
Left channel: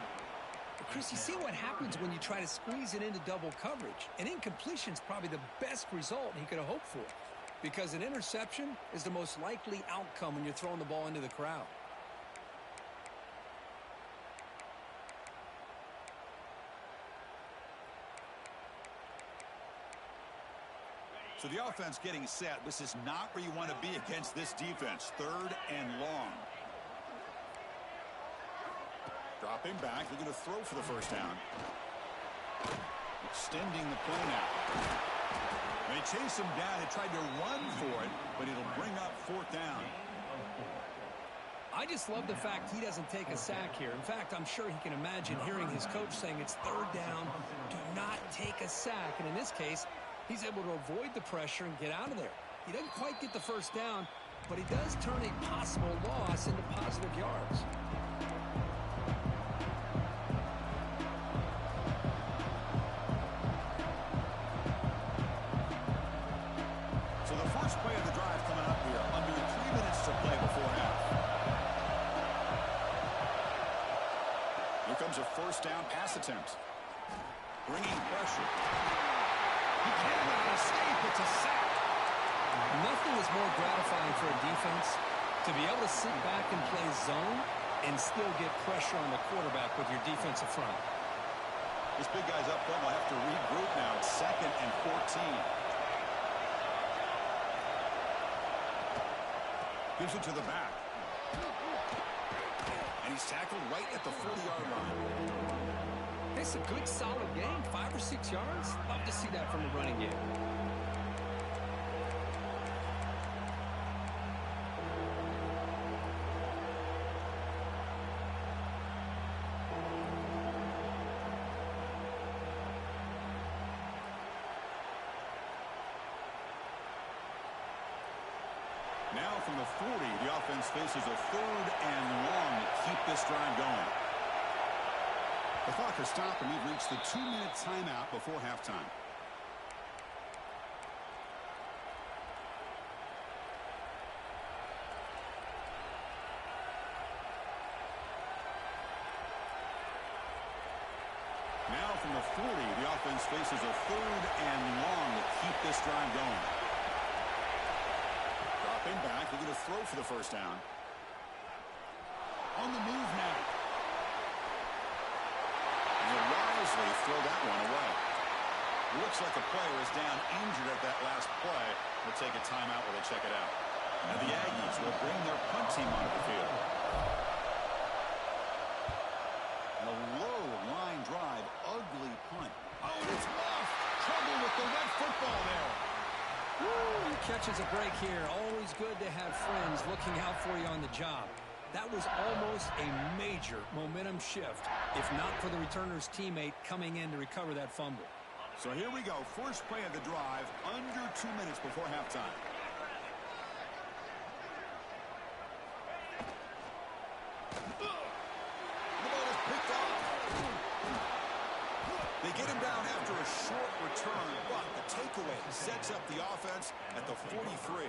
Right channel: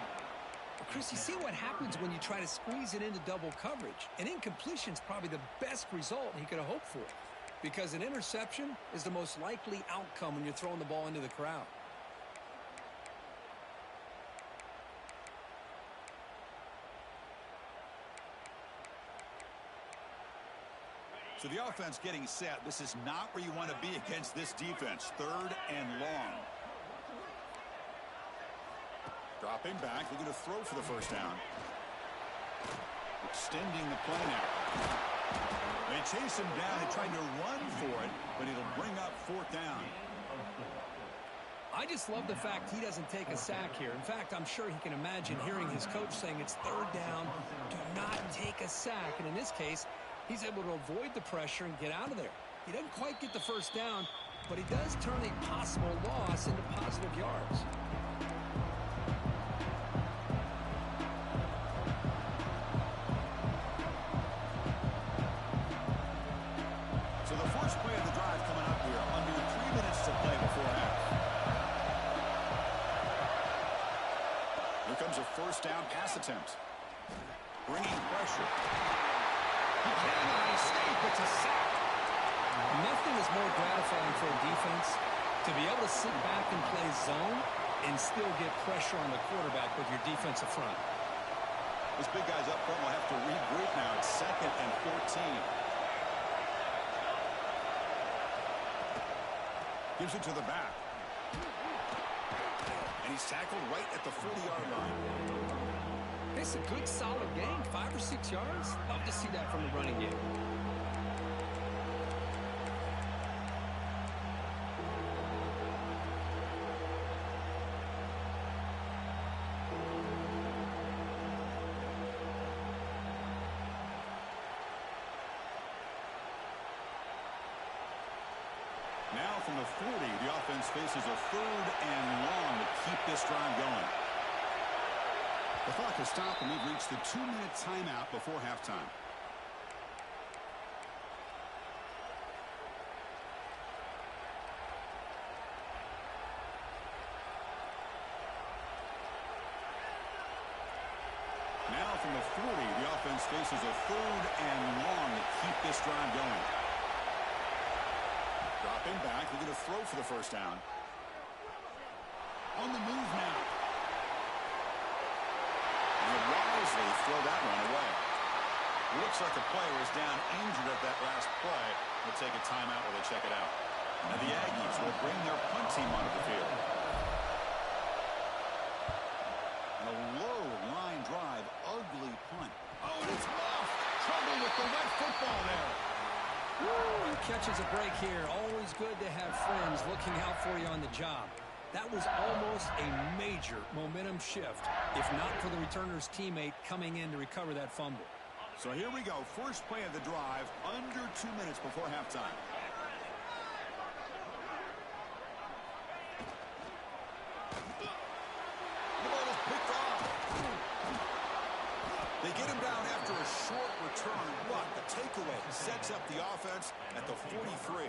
Well, Chris, you see what happens when you try to squeeze it into double coverage. An incompletion is probably the best result he could have hoped for. Because an interception is the most likely outcome when you're throwing the ball into the crowd. So the offense getting set. This is not where you want to be against this defense. 3rd and long. Dropping back, looking to throw for the 1st down. Extending the play now. They chase him down. They tried to run for it, but it'll bring up 4th down. I just love the fact he doesn't take a sack here. In fact, I'm sure he can imagine hearing his coach saying it's 3rd down. Do not take a sack. And in this case, he's able to avoid the pressure and get out of there. He doesn't quite get the 1st down, but he does turn a possible loss into positive yards. So the first play of the drive coming up here. Under 3 minutes to play before half. Here comes a 1st down pass attempt. Bringing pressure. He cannot escape. It's a sack. Nothing is more gratifying for a defense to be able to sit back and play zone and still get pressure on the quarterback with your defensive front. This big guy's up front will have to regroup now. It's 2nd and 14. Gives it to the back. And he's tackled right at the 40-yard line. It's a good, solid game. 5 or 6 yards. Love to see that from the running game. Now from the 40, the offense faces a 3rd and long to keep this drive going. The clock has stopped, and we've reached the 2-minute timeout before halftime. Now from the 40, the offense faces a 3rd and long to keep this drive going. Dropping back, looking to throw for the 1st down. On the move now. And he'll wisely throw that one away. Looks like a player is down injured at that last play. We'll take a timeout while they check it out. Now the Aggies will bring their punt team onto the field. And a low line drive, ugly punt. Oh, and it's off. Trouble with the wet football there. Woo, he catches a break here. Always good to have friends looking out for you on the job. That was almost a major momentum shift, if not for the returner's teammate coming in to recover that fumble. So here we go. First play of the drive, under 2 minutes before halftime. The ball is picked off. They get him down after a short return, but the takeaway sets up the offense at the 43.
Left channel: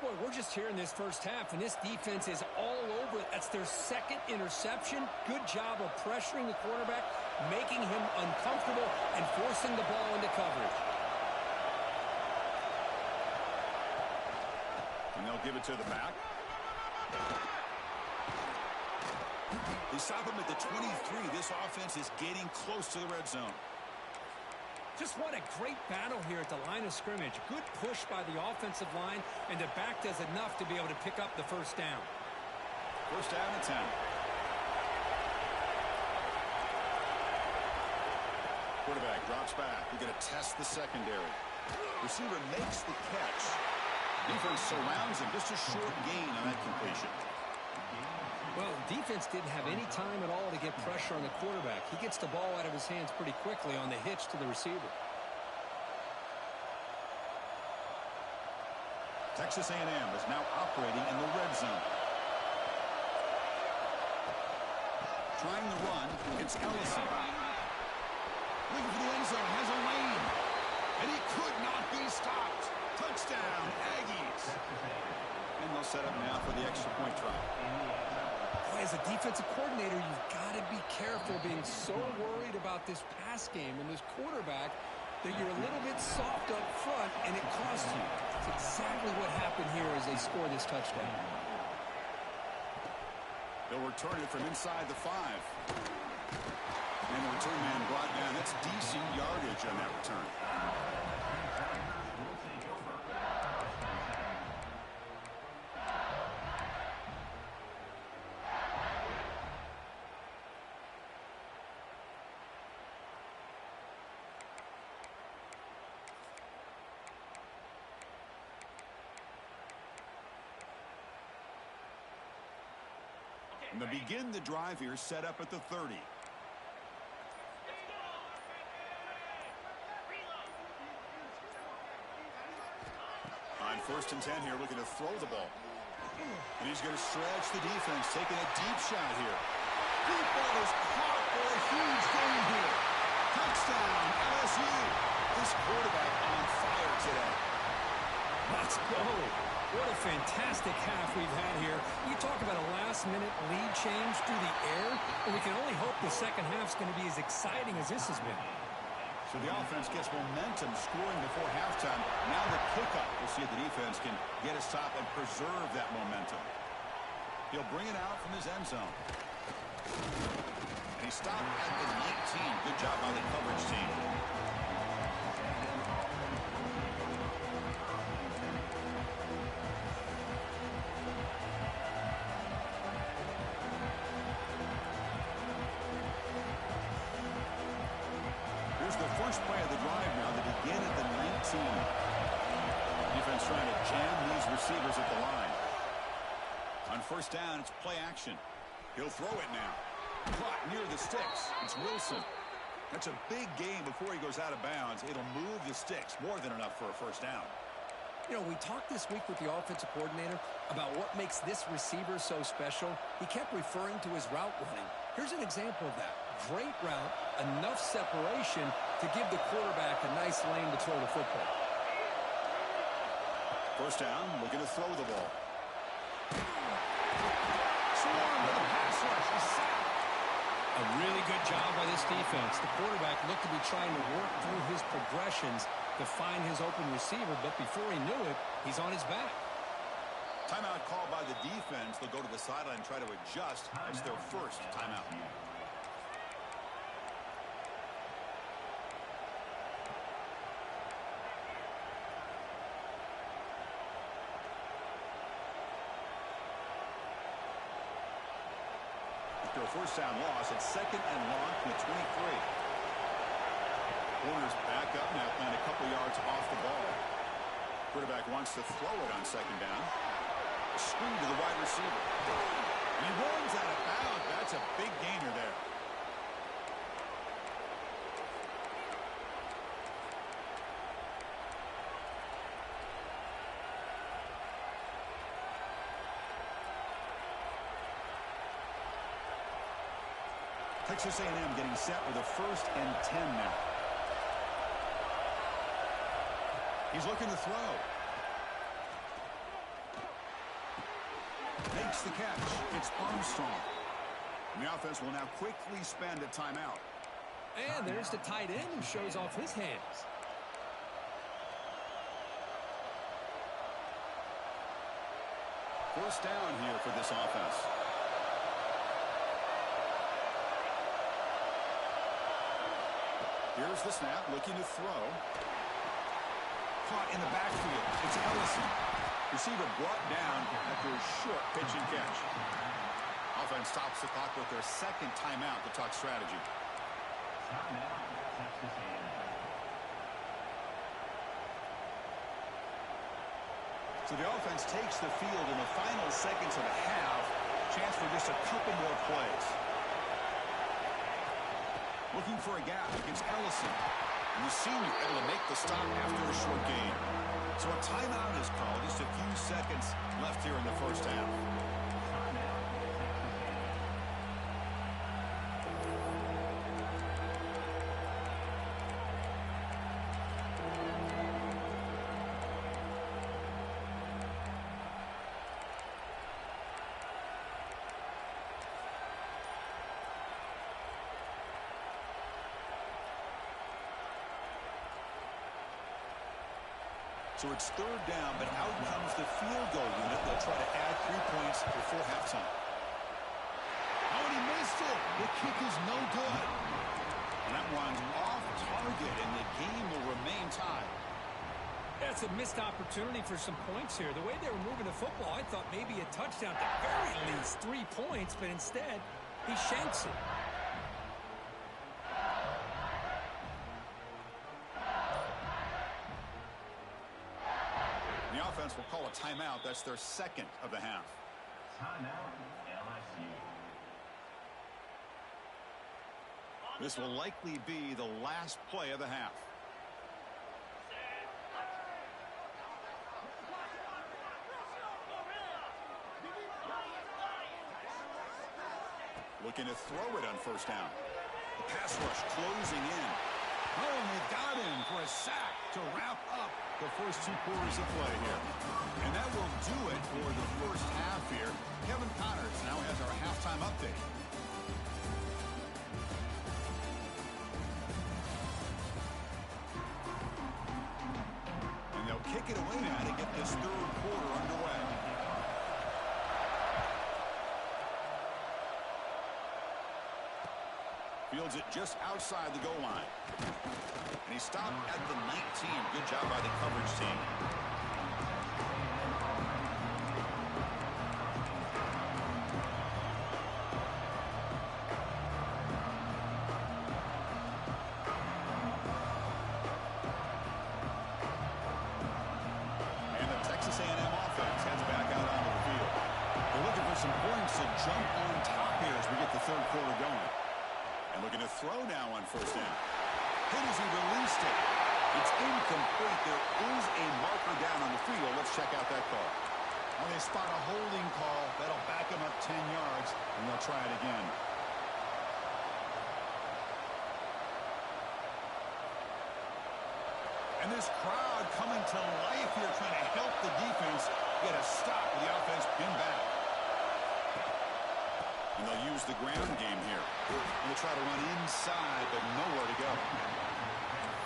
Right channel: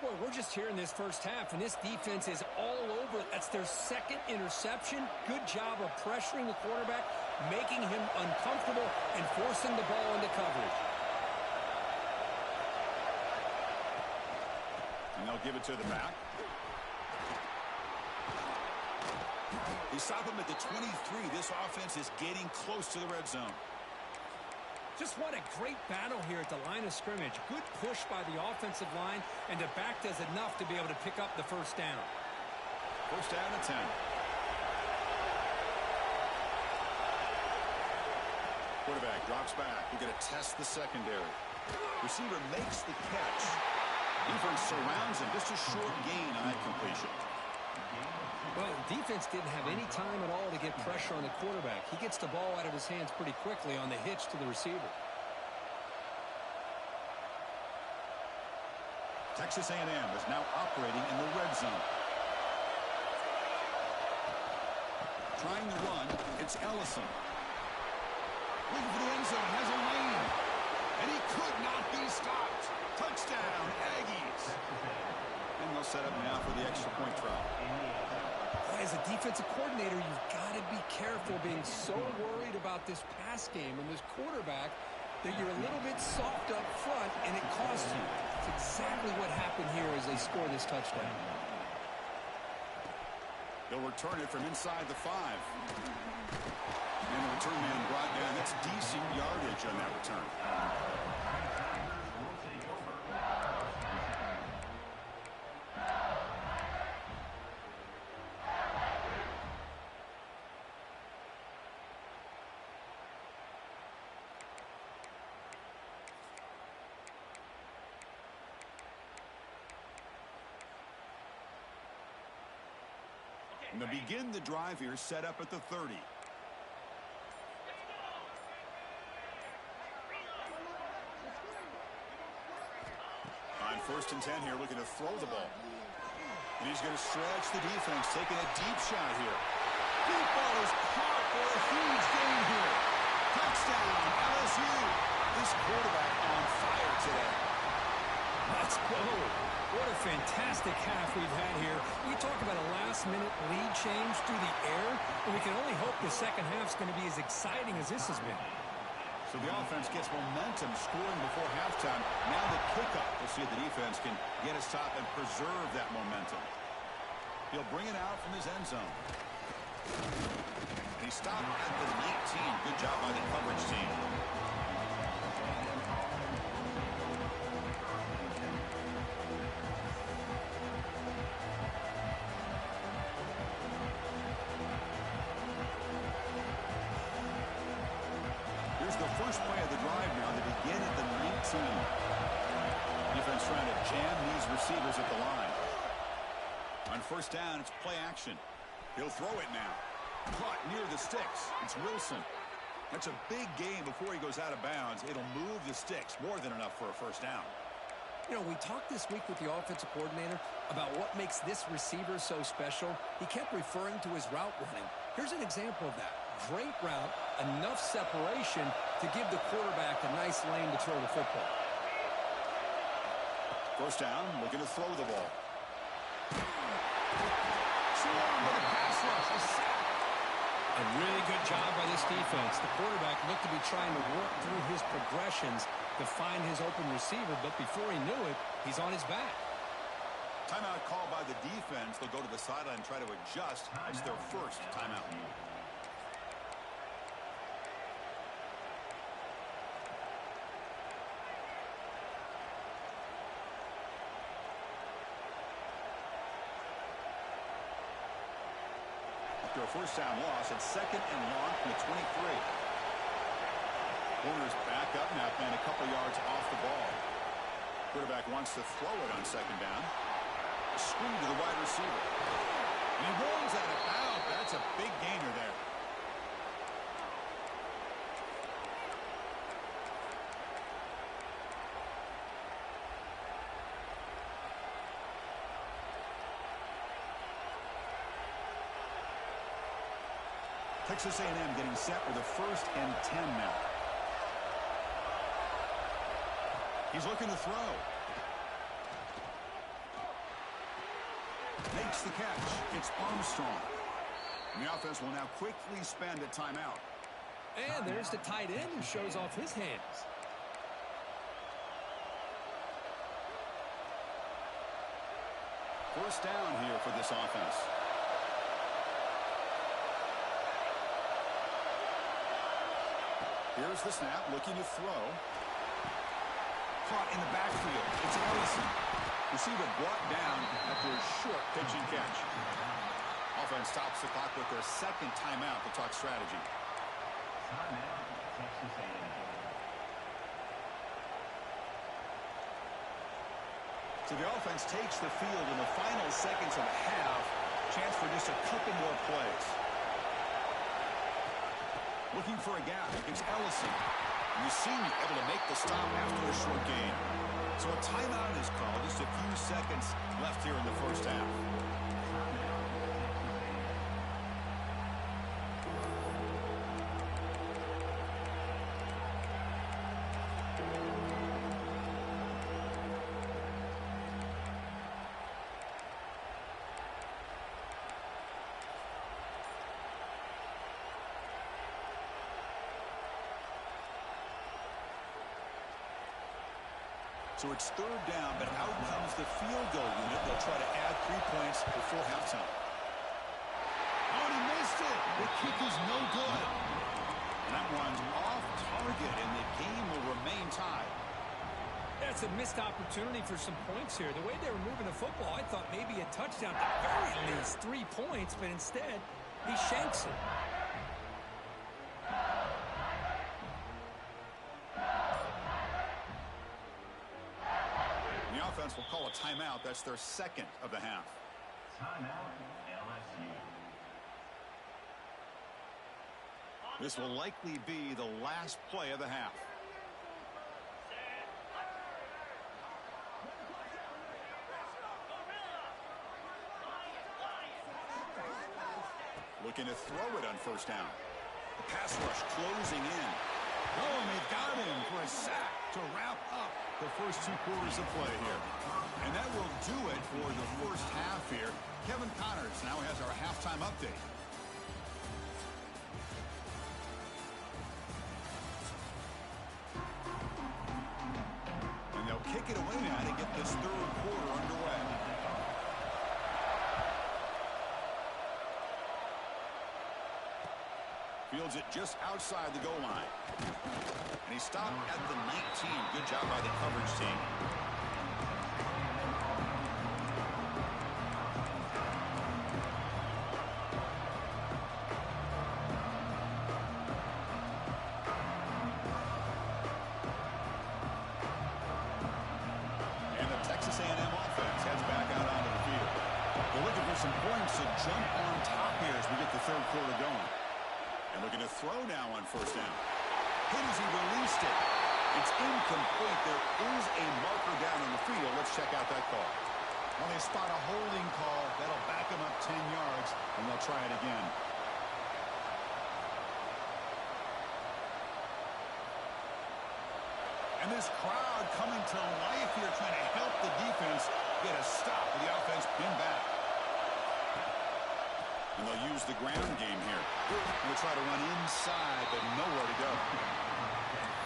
Boy, we're just here in this first half, and this defense is all over. That's their second interception. Good job of pressuring the quarterback, making him uncomfortable, and forcing the ball into coverage. And they'll give it to the back. They stop him at the 23. This offense is getting close to the red zone. Just what a great battle here at the line of scrimmage. Good push by the offensive line, and the back does enough to be able to pick up the first down. First down and 10. Quarterback drops back. We're going to test the secondary. Receiver makes the catch. Defense surrounds him. Just a short gain on that completion. Well, defense didn't have any time at all to get pressure on the quarterback. He gets the ball out of his hands pretty quickly on the hitch to the receiver. Texas A&M is now operating in the red zone. Trying the run, it's Ellison. Looking for the end zone, has a lane. And he could not be stopped. Touchdown, Aggies. And they'll set up now for the extra point try. Boy, as a defensive coordinator, you've got to be careful being so worried about this pass game and this quarterback that you're a little bit soft up front, and it costs you. That's exactly what happened here as they score this touchdown. They'll return it from inside the 5. And the return man brought down. That's decent yardage on that return. And they begin the drive here, set up at the 30. On first and 10 here, looking to throw the ball. And he's going to stretch the defense, taking a deep shot here. Deep ball is caught for a huge gain here. Touchdown, LSU. This quarterback on fire today. Let's go. What a fantastic half we've had here. You talk about a last-minute lead change through the air, and we can only hope the second half's going to be as exciting as this has been. So the offense gets momentum, scoring before halftime. Now the kickoff. We'll see if the defense can get a stop and preserve that momentum. He'll bring it out from his end zone. And he stopped at the 19. Good job by the coverage team. The first play of the drive now. They begin at the 19. Defense trying to jam these receivers at the line. On first down, it's play action. He'll throw it now. Caught near the sticks. It's Wilson. That's a big gain before he goes out of bounds. It'll move the sticks. More than enough for a first down. You know, we talked this week with the offensive coordinator about what makes this receiver so special. He kept referring to his route running. Here's an example of that. Great route, enough separation to give the quarterback a nice lane to throw the football. First down, looking to throw the ball. Swarm with a pass rush, a sack. A really good job by this defense. The quarterback looked to be trying to work through his progressions to find his open receiver, but before he knew it, he's on his back. Timeout called by the defense. They'll go to the sideline and try to adjust. That's their first timeout. After a first down loss, it's second and long from the 23. Warner's back up now, playing a couple yards off the ball. Quarterback wants to throw it on second down. A screen to the wide receiver. And he runs out of bounds. That's a big gainer there. Texas A&M getting set with a 1st and 10 now. He's looking to throw. Makes the catch. It's Armstrong. And the offense will now quickly spend a timeout. And there's the tight end who shows off his hands. First down here for this offense. Here's the snap, looking to throw. Caught in the backfield. It's Ellison. Receiver brought down after a short pitch and catch. Offense stops the clock with their 2nd timeout to talk strategy. Timeout, Texas A&M. So the offense takes the field in the final seconds of the half. Chance for just a couple more plays. Looking for a gap against Ellison. And the senior able to make the stop after a short gain. So a timeout is called. Just a few seconds left here in the first half. Timeout, Texas A&M. So it's 3rd down, but out comes the field goal unit. They'll try to add 3 points before halftime. Oh, and he missed it. The kick is no good. And that one's off target, and the game will remain tied. That's a missed opportunity for some points here. The way they were moving the football, I thought maybe a touchdown, at the very least 3 points, but instead he shanks it. The offense will call a timeout. That's their 2nd of the half. Timeout, LSU. This will likely be the last play of the half. Looking to throw it on 1st down. The pass rush closing in. Oh, and they've got him for a sack to wrap up the first 2 quarters of play here. And that will do it for the first half here. Kevin Connors now has our halftime update. And they'll kick it away now to get this 3rd quarter underway. Fields it just outside the goal line. And he stopped at the 19. Good job by the coverage team. And the Texas A&M offense heads back out onto the field. They're looking for some points to jump on top here as we get the 3rd quarter going. And looking to throw now on 1st down. Hit as he released it. It's incomplete. There is a marker down on the field. Let's check out that call. Well, they spot a holding call. That'll back them up 10 yards, and they'll try it again. And this crowd coming to life here, trying to help the defense get a stop with the offense pinned back. And they'll use the ground game here. They'll try to run inside, but nowhere to go.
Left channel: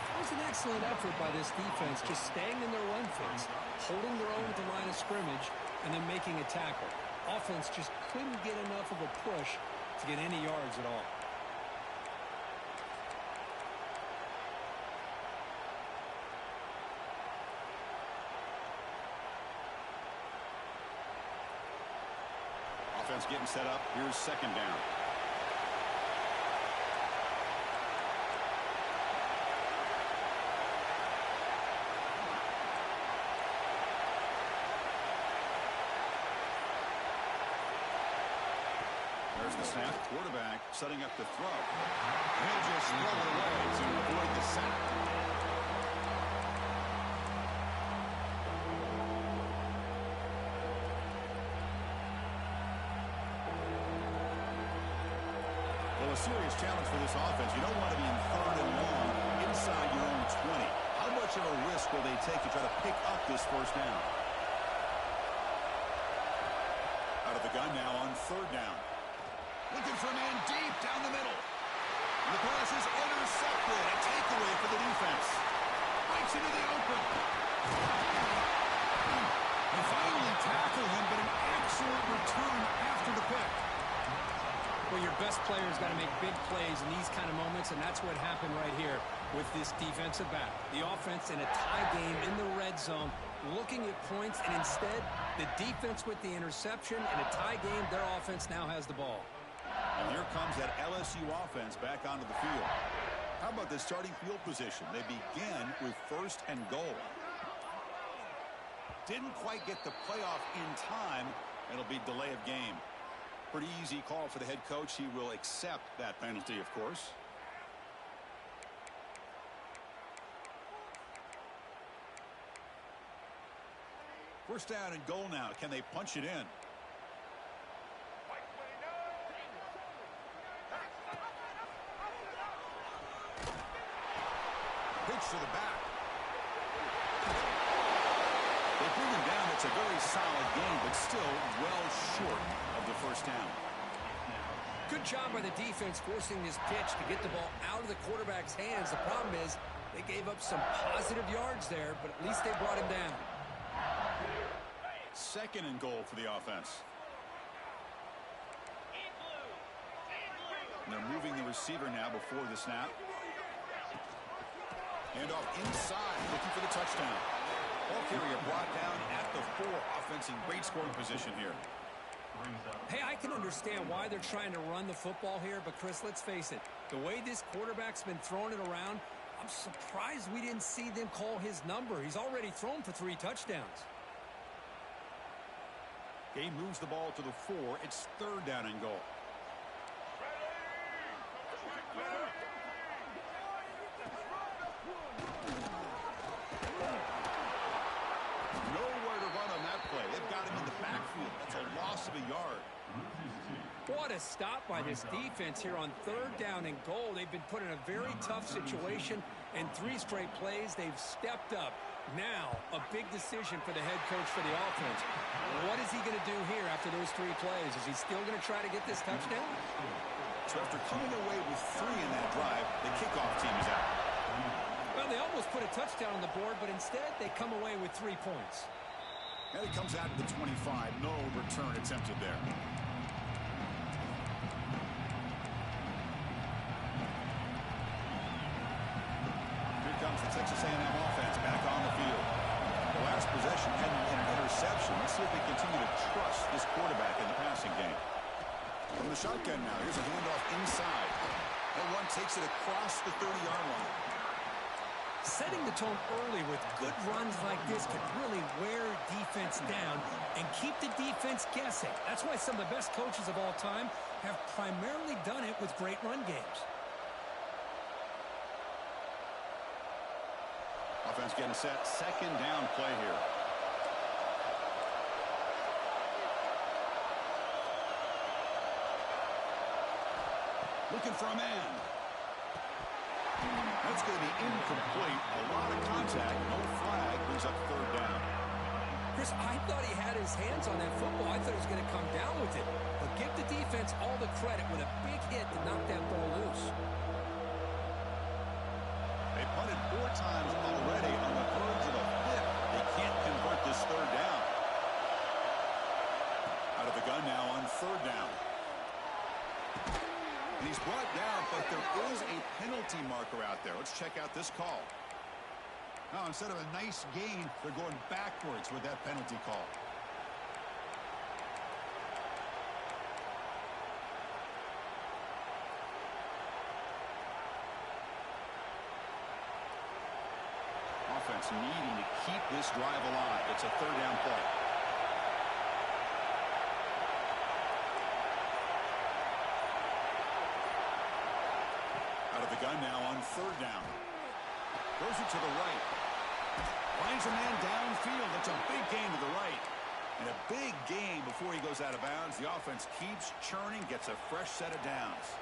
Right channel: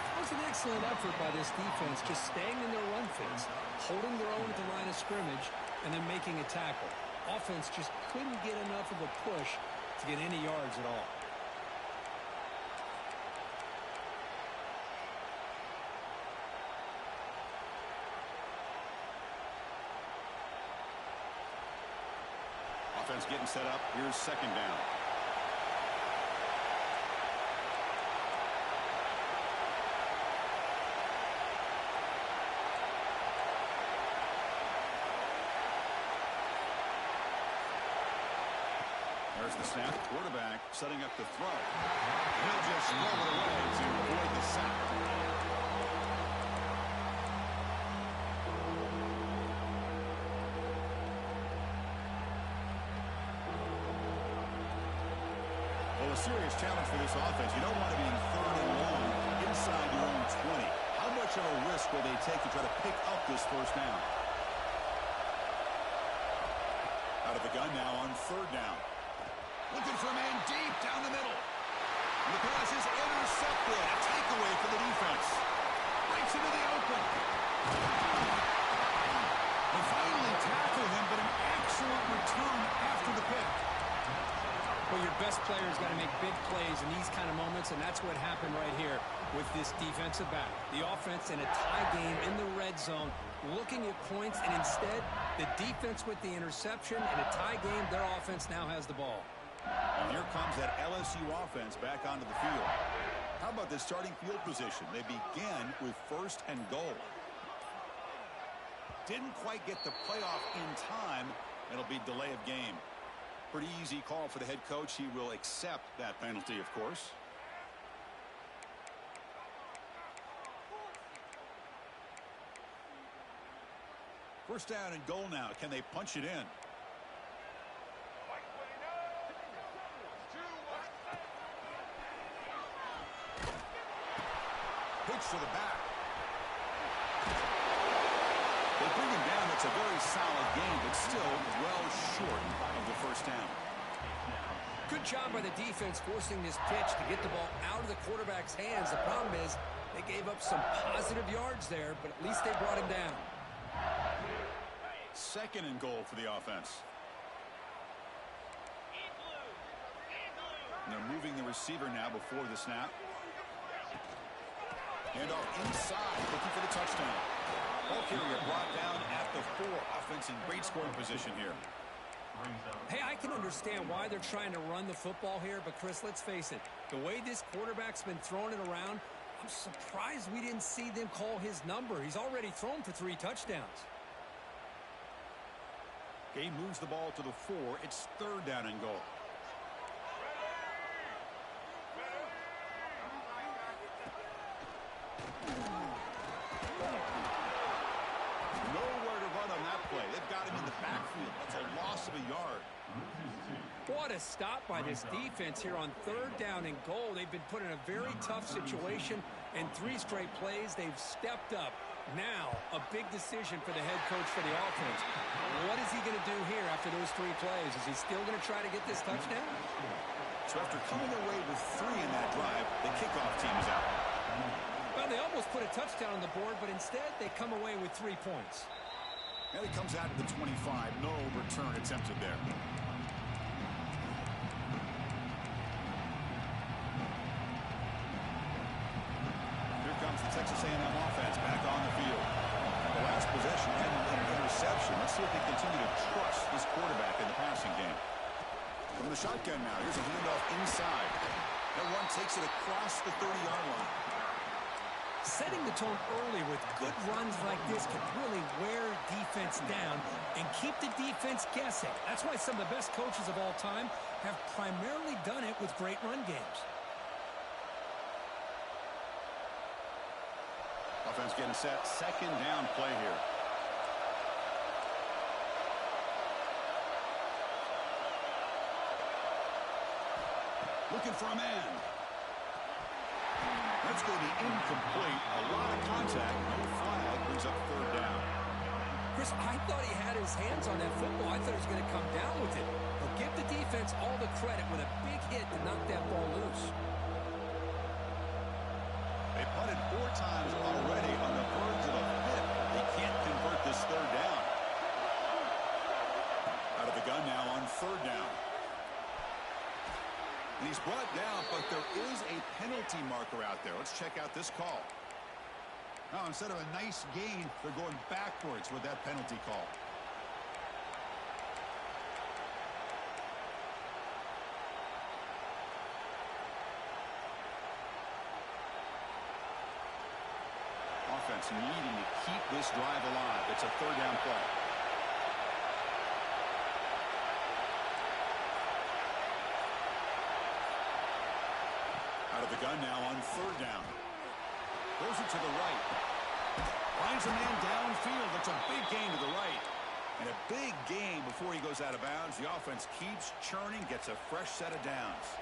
That was an excellent effort by this defense, just staying in their run fits, holding their own at the line of scrimmage, and then making a tackle. Offense just couldn't get enough of a push to get any yards at all. Offense getting set up. Here's 2nd down. There's the snap. Quarterback setting up the throw. He'll just throw it away to avoid the sack. Well, a serious challenge for this offense. You don't want to be in 3rd and long inside your own 20. How much of a risk will they take to try to pick up this first down? Out of the gun now on 3rd down. Looking for a man deep down the middle. And the pass is intercepted. A takeaway for the defense. Breaks into the open. They finally tackle him, but an excellent return after the pick. Well, your best player's got to make big plays in these kind of moments, and that's what happened right here with this defensive back. The offense in a tie game in the red zone, looking at points, and instead, the defense with the interception. In a tie game, their offense now has the ball. And here comes that LSU offense back onto the field. How about this starting field position? They begin with 1st and goal. Didn't quite get the playoff in time. It'll be delay of game. Pretty easy call for the head coach. He will accept that penalty, of course. First down and goal now. Can they punch it in? Pitch to the back. They bring him down. It's a very solid game, but still well short of the first down. Good job by the defense forcing this pitch to get the ball out of the quarterback's hands. The problem is they gave up some positive yards there, but at least they brought him down. 2nd and goal for the offense. And they're moving the receiver now before the snap. Handoff inside, looking for the touchdown. Ball carrier brought down at the 4. Offense in great scoring position here. Hey, I can understand why they're trying to run the football here, but Chris, let's face it. The way this quarterback's been throwing it around, I'm surprised we didn't see them call his number. He's already thrown for 3 touchdowns. Game moves the ball to the 4. It's 3rd down and goal. Nowhere to run on that play. They've got him in the backfield. That's a loss of a yard. What a stop by this defense here on 3rd down and goal. They've been put in a very tough situation, and 3 straight plays, they've stepped up. Now, a big decision for the head coach for the offense. What is he going to do here after those 3 plays? Is he still going to try to get this touchdown? So after coming away with 3 in that drive, the kickoff team is out. Well, they almost put a touchdown on the board, but instead they come away with 3 points. And it comes out to the 25. No return attempted there. Here comes the Texas A&M offense back on the field. The last possession ended in an interception. Let's see if they continue to trust this quarterback in the passing game. From the shotgun now, here's a handoff inside. That one takes it across the 30-yard line. Setting the tone early with good runs like this can really wear defense down and keep the defense guessing. That's why some of the best coaches of all time have primarily done it with great run games. Offense getting set. 2nd down play here. Looking for a man. That's going to be incomplete. A lot of contact. No flag. Brings up 3rd down. Chris, I thought he had his hands on that football. I thought he was going to come down with it. But give the defense all the credit with a big hit to knock that ball loose. They punted 4 times already on the verge of a 5th. They can't convert this 3rd down. Out of the gun now on 3rd down. And he's brought down, but there is a penalty marker out there. Let's check out this call. Now, instead of a nice gain, they're going backwards with that penalty call. Offense needing to keep this drive alive. It's a 3rd down play. Out of the gun now on 3rd down. Throws it to the right. Finds a man downfield. That's a big gain to the right. And a big gain before he goes out of bounds. The offense keeps churning, gets a fresh set of downs.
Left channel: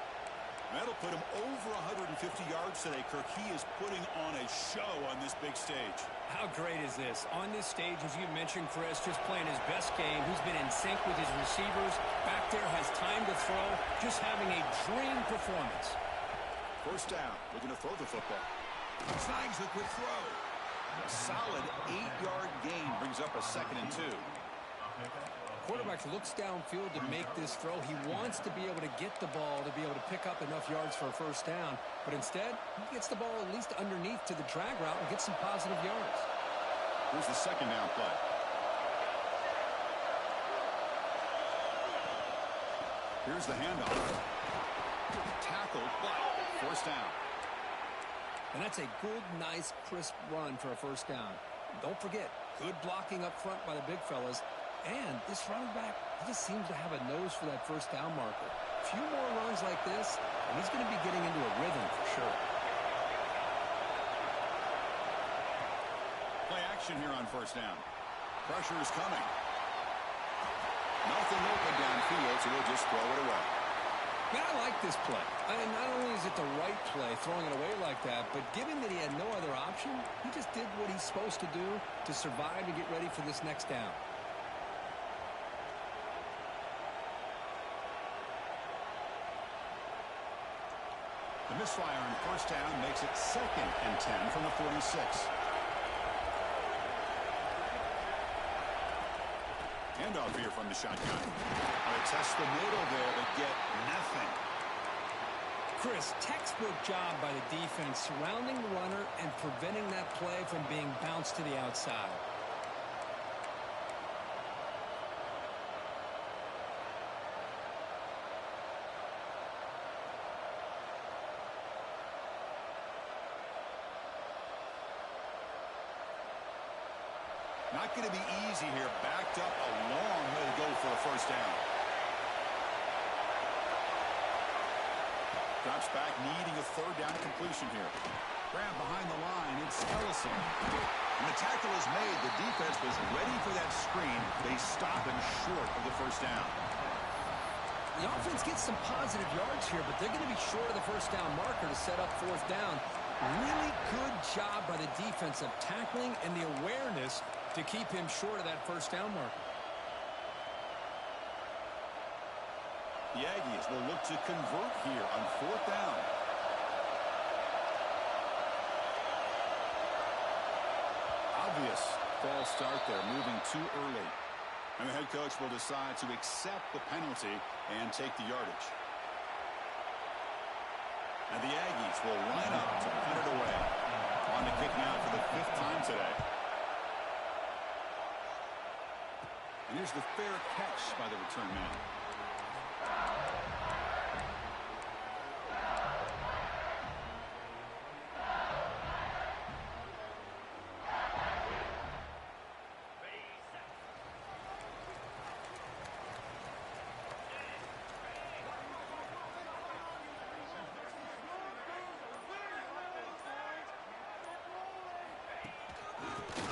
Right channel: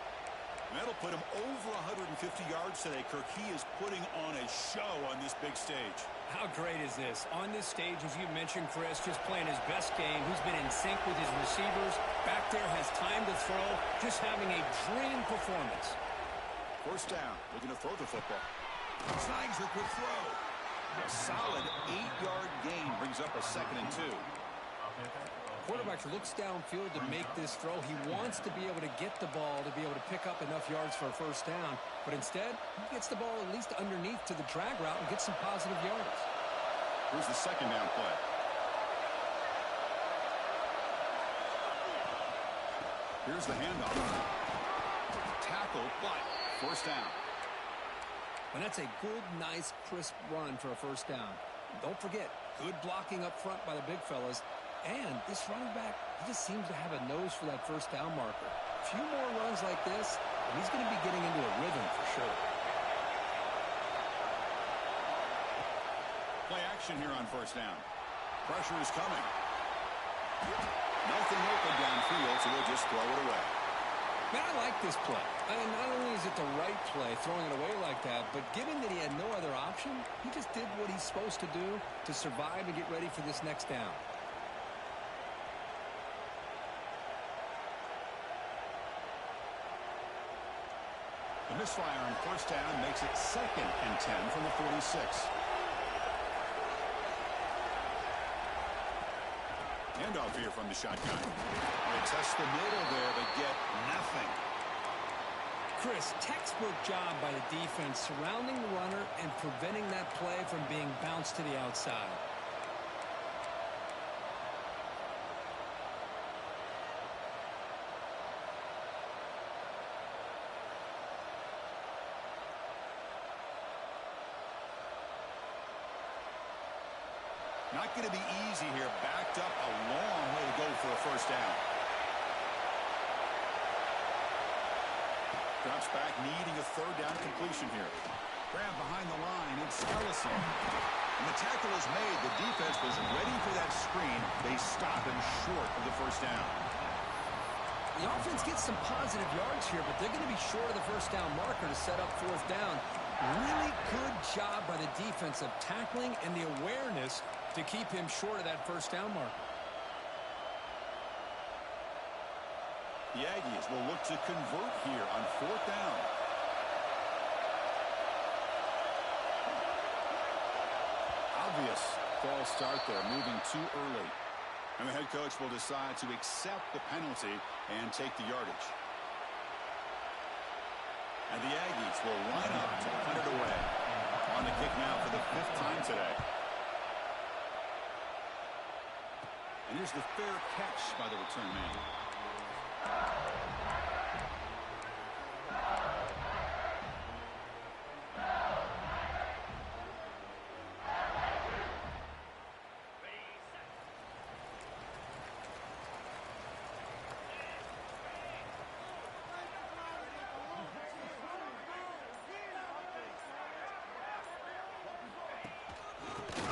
That'll put him over 150 yards today, Kirk. He is putting on a show on this big stage. How great is this? On this stage, as you mentioned, Chris, just playing his best game. He's been in sync with his receivers. Back there, has time to throw. Just having a dream performance. First down, looking to throw the football. Snags the quick throw. A solid 8-yard gain brings up a 2nd and 2. Quarterback looks downfield to make this throw. He wants to be able to get the ball to be able to pick up enough yards for a first down. But instead, he gets the ball at least underneath to the drag route and gets some positive yards. Here's the 2nd down play. Here's the handoff. Tackled, but first down. And that's a good, nice, crisp run for a first down. Don't forget, good blocking up front by the big fellas. And this running back, he just seems to have a nose for that first down marker. A few more runs like this, and he's going to be getting into a rhythm for sure. Play action here on first down. Pressure is coming. Nothing open downfield, so we'll just throw it away. Man, I like this play. And not only is it the right play, throwing it away like that, but given that he had no other option, he just did what he's supposed to do to survive and get ready for this next down. The misfire on first down makes it 2nd and 10 from the 46. Handoff here from the shotgun. They test the middle there, but get nothing. Chris, textbook job by the defense surrounding the runner and preventing that play from being bounced to the outside. Not going to be easy here. Backed up a long way to go for a first down. Drops back, needing a 3rd down completion here. Grab behind the line. It's Ellison. And the tackle is made. The defense was ready for that screen. They stop him short of the first down. The offense gets some positive yards here, but they're going to be short of the first down marker to set up 4th down. Really good job by the defense of tackling and the awareness to keep him short of that first down marker. The Aggies will look to convert here on 4th down. Obvious false start there, moving too early. And the head coach will decide to accept the penalty and take the yardage. And the Aggies will line up to punt it away. On the kick now for the 5th time today. And here's the fair catch by the return man.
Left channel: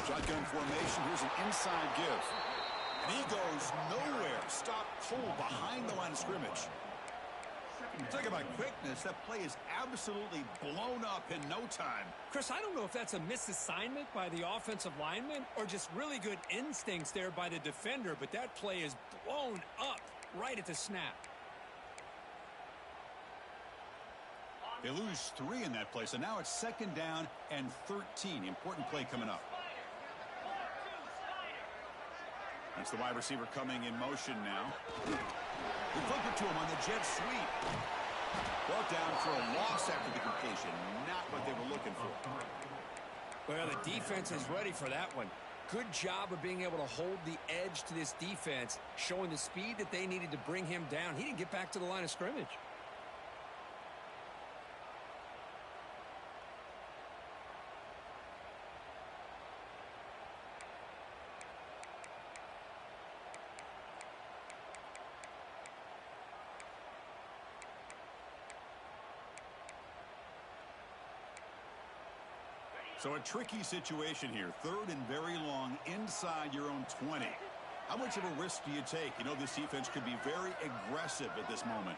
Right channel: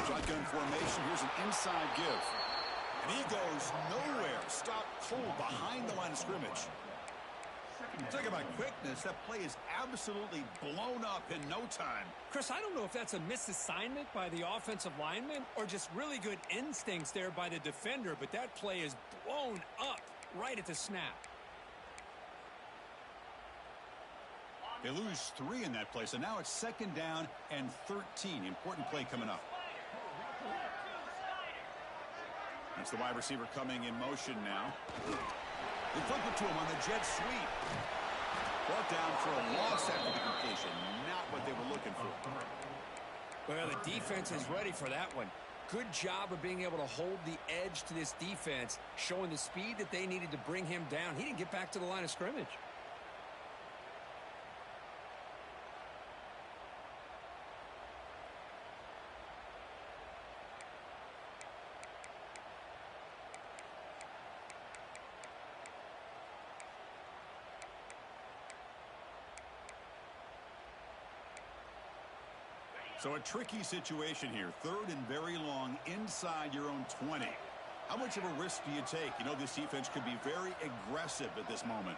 Shotgun formation. Here's an inside give. And he goes nowhere. Stopped cold behind the line of scrimmage. Talk about quickness. That play is absolutely blown up in no time. Chris, I don't know if that's a misassignment by the offensive lineman or just really good instincts there by the defender, but that play is blown up right at the snap. They lose 3 in that play, so now it's 2nd down and 13. Important play coming up. That's the wide receiver coming in motion now. They flip it to him on the jet sweep. Brought down for a loss after the completion. Not what they were looking for. Well, the defense is ready for that one. Good job of being able to hold the edge to this defense, showing the speed that they needed to bring him down. He didn't get back to the line of scrimmage. So a tricky situation here. 3rd and very long inside your own 20. How much of a risk do you take? You know, this defense could be very aggressive at this moment.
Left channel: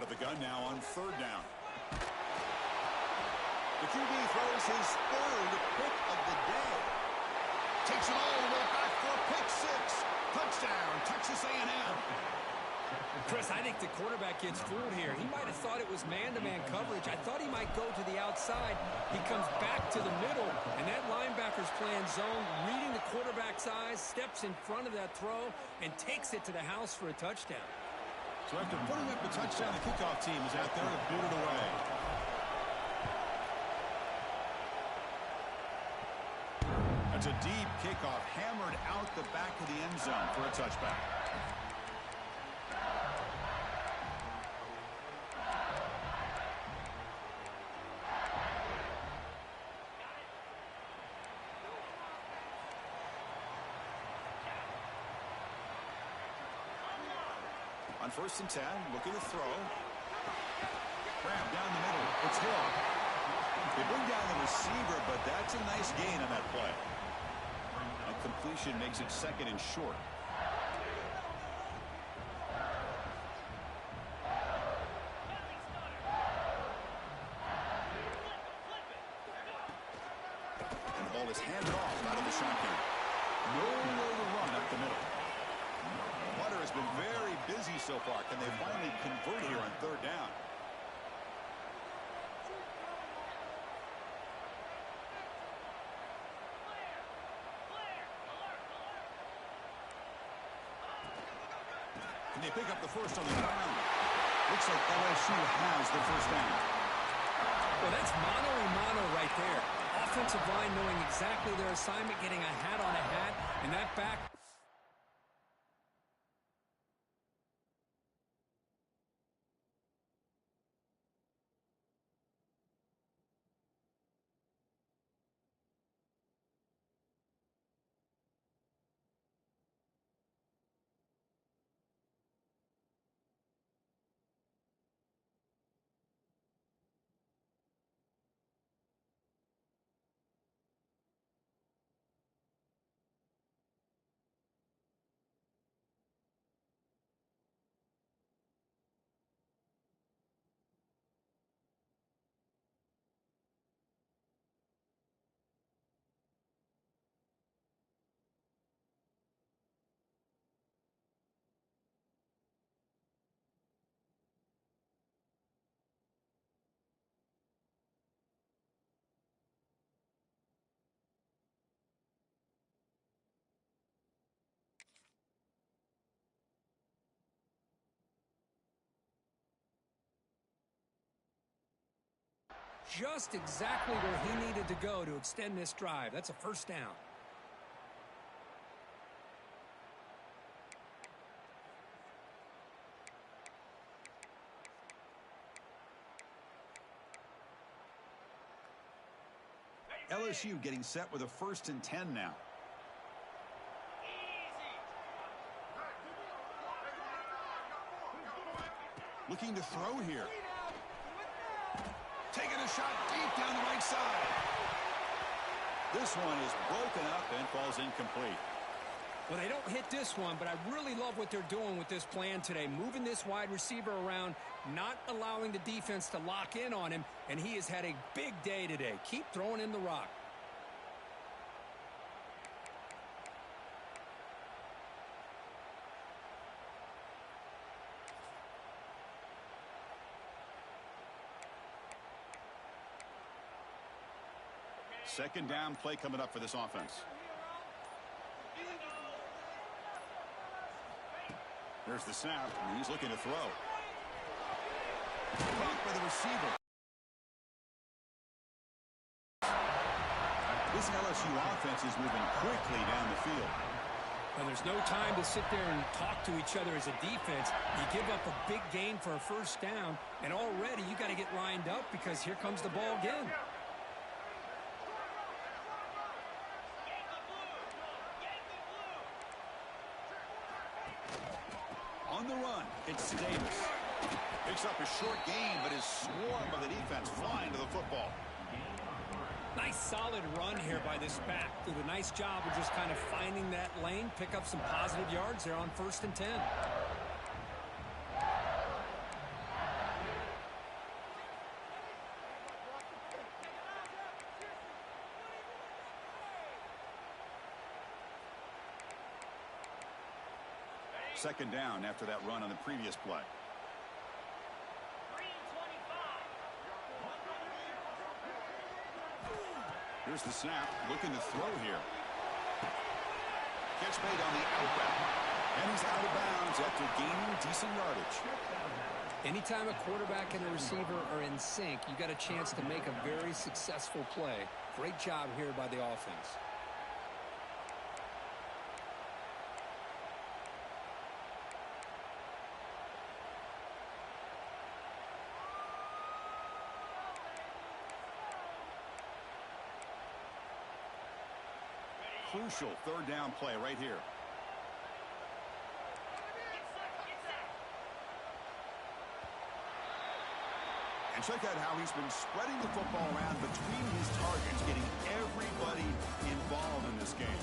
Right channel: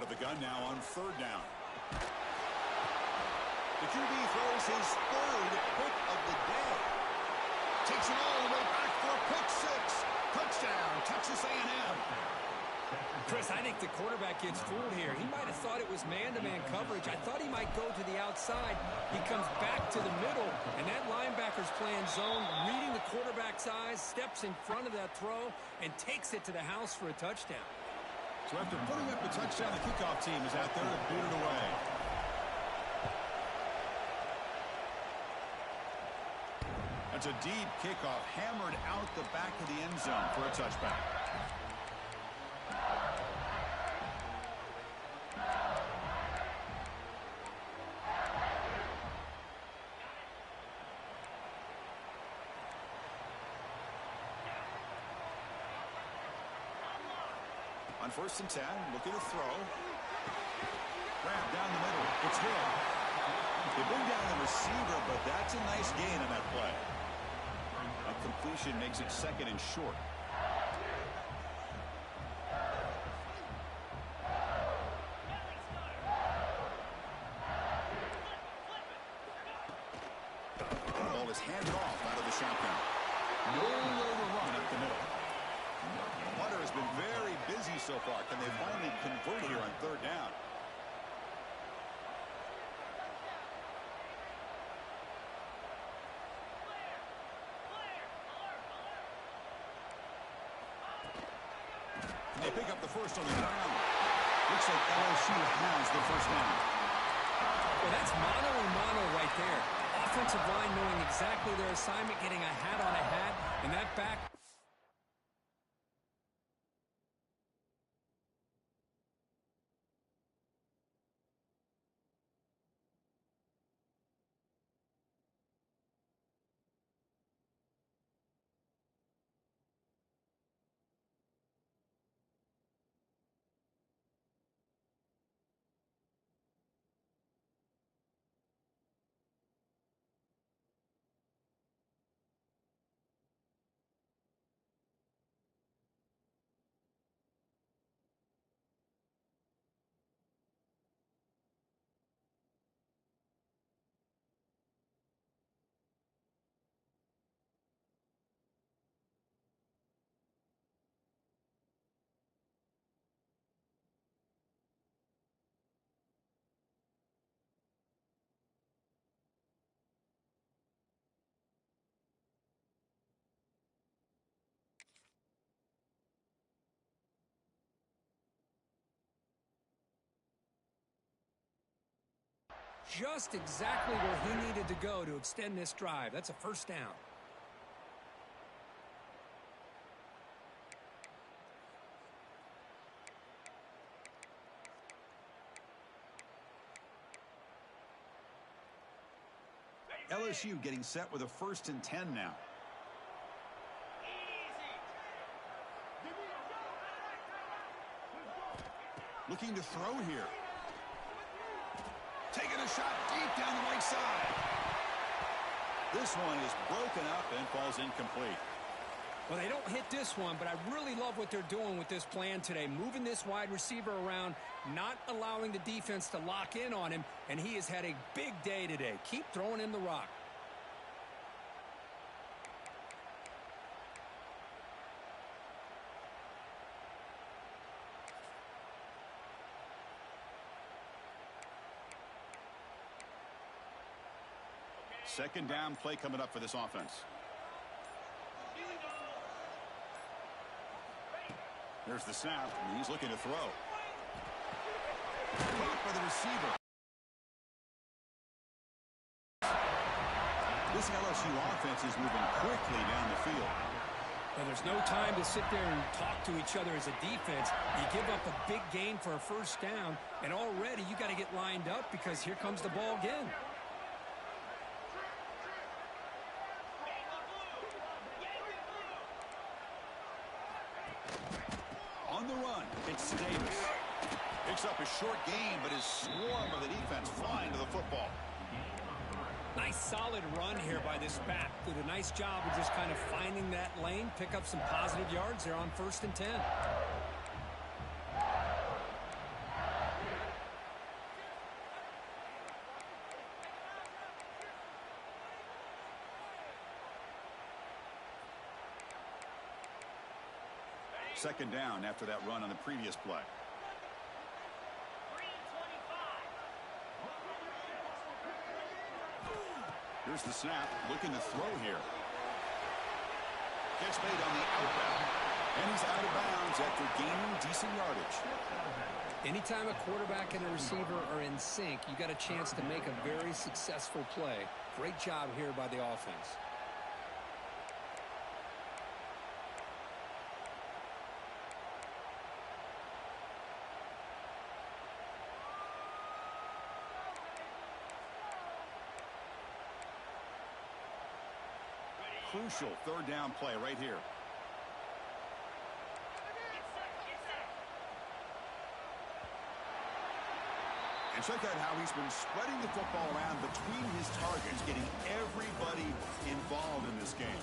Out of the gun now on third down. The QB throws his third pick of the day. Takes it all the way back for a pick six. Touchdown, Texas A&M. Chris, I think the quarterback gets fooled here. He might have thought it was man-to-man coverage. I thought he might go to the outside. He comes back to the middle, and that linebacker's playing zone, reading the quarterback's eyes, steps in front of that throw, and takes it to the house for a touchdown. So after putting up the touchdown, the kickoff team is out there to boot it away. That's a deep kickoff, hammered out the back of the end zone for a touchback. On 1st and 10, looking to throw. Grab down the middle. It's Hill. They bring down the receiver, but that's a nice gain on that play. That completion makes it 2nd and short. And the ball is handed off out of the shotgun. Nowhere to run up the middle. Hunter has been very busy so far. Can they finally convert here on third down? Can they pick up the first on the ground? Looks like LSU has the first down. Well, that's mano-a-mano right there. Offensive line knowing exactly their assignment, getting a hat on a hat, and that back. Just exactly where he needed to go to extend this drive. That's a first down. LSU getting set with a 1st and 10 now. Looking to throw here. Taking a shot deep down the right side. This one is broken up and falls incomplete. Well, they don't hit this one, but I really love what they're doing with this plan today. Moving this wide receiver around, not allowing the defense to lock in on him, and he has had a big day today. Keep throwing in the rock. Second down play coming up for this offense. There's the snap, and he's looking to throw. Caught by the receiver. This LSU offense is moving quickly down the field. Well, there's no time to sit there and talk to each other as a defense. You give up a big gain for a first down, and already you got to get lined up because here comes the ball again. On the run, it's Davis. Picks up a short gain, but is swarmed by the defense flying to the football. Nice solid run here by this back. Did a nice job of just kind of finding that lane, pick up some positive yards there on 1st and 10. Second down after that run on the previous play. 3:25. Here's the snap. Looking to throw here. Catch made on the out route. And he's out of bounds after gaining decent yardage. Anytime a quarterback and a receiver are in sync, you got a chance to make a very successful play. Great job here by the offense. Crucial third down play right here. And check out how he's been spreading the football around between his targets, getting everybody involved in this game.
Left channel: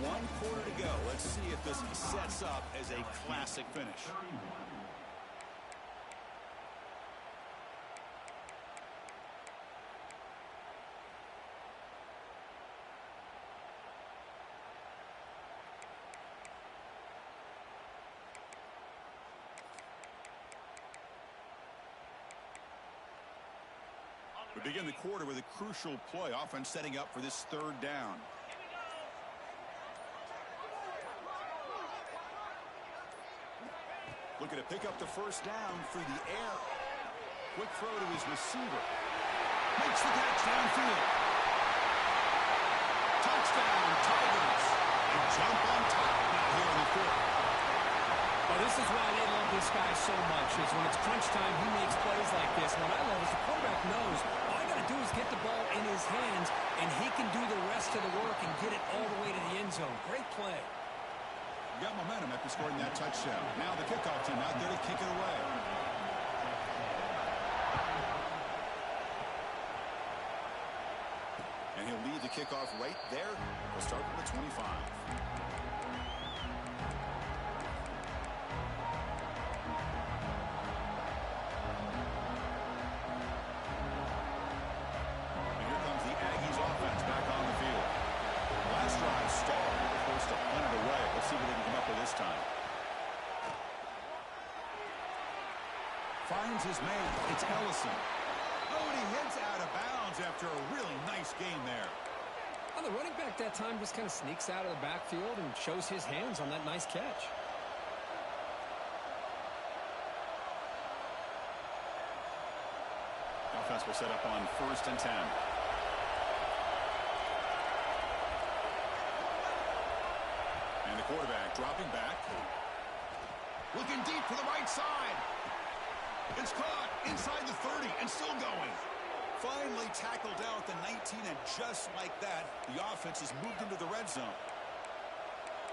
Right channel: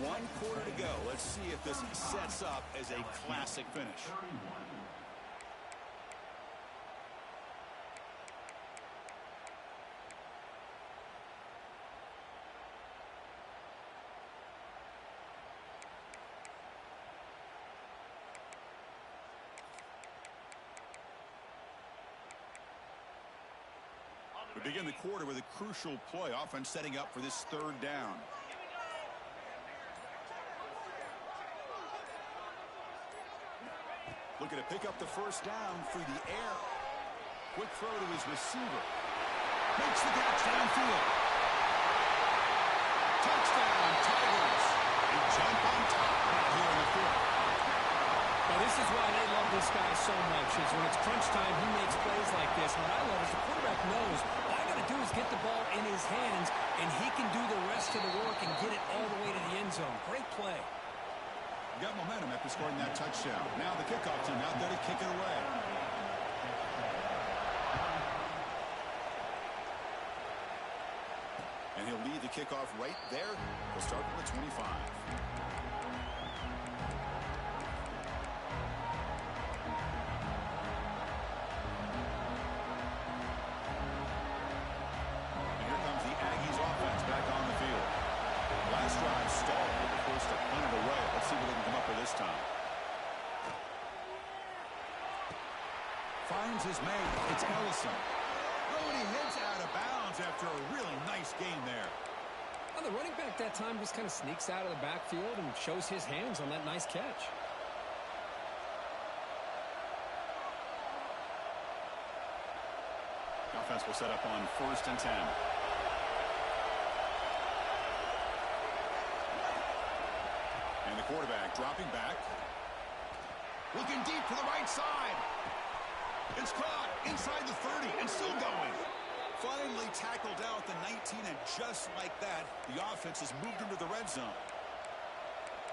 1 quarter to go. Let's see if this sets up as a classic finish. We begin the quarter with a crucial play. Offense setting up for this third down. Looking to pick up the first down through the air. Quick throw to his receiver. Makes the catch downfield. Touchdown, Tigers. They jump on top now here in the fourth. Well, this is why they love this guy so much, is when it's crunch time, he makes plays like this. What I love is the quarterback knows all I got to do is get the ball in his hands, and he can do the rest of the work and get it all the way to the end zone. Great play. Got momentum after scoring that touchdown. Now the kickoff team out there to kick it away. And he'll lead the kickoff right there. We'll start with the 25. Last drive stalled. They were forced to punt it away. Let's see what they can come up with this time. Finds his man. It's Ellison. Oh, and he heads out of bounds after a really nice game there. Well, the running back that time just kind of sneaks out of the backfield and shows his hands on that nice catch. Offense will set up on 1st and 10. And the quarterback dropping back. Looking deep to the right side. It's caught inside the 30 and still going. Finally tackled down at the 19, and just like that, the offense has moved into the red zone.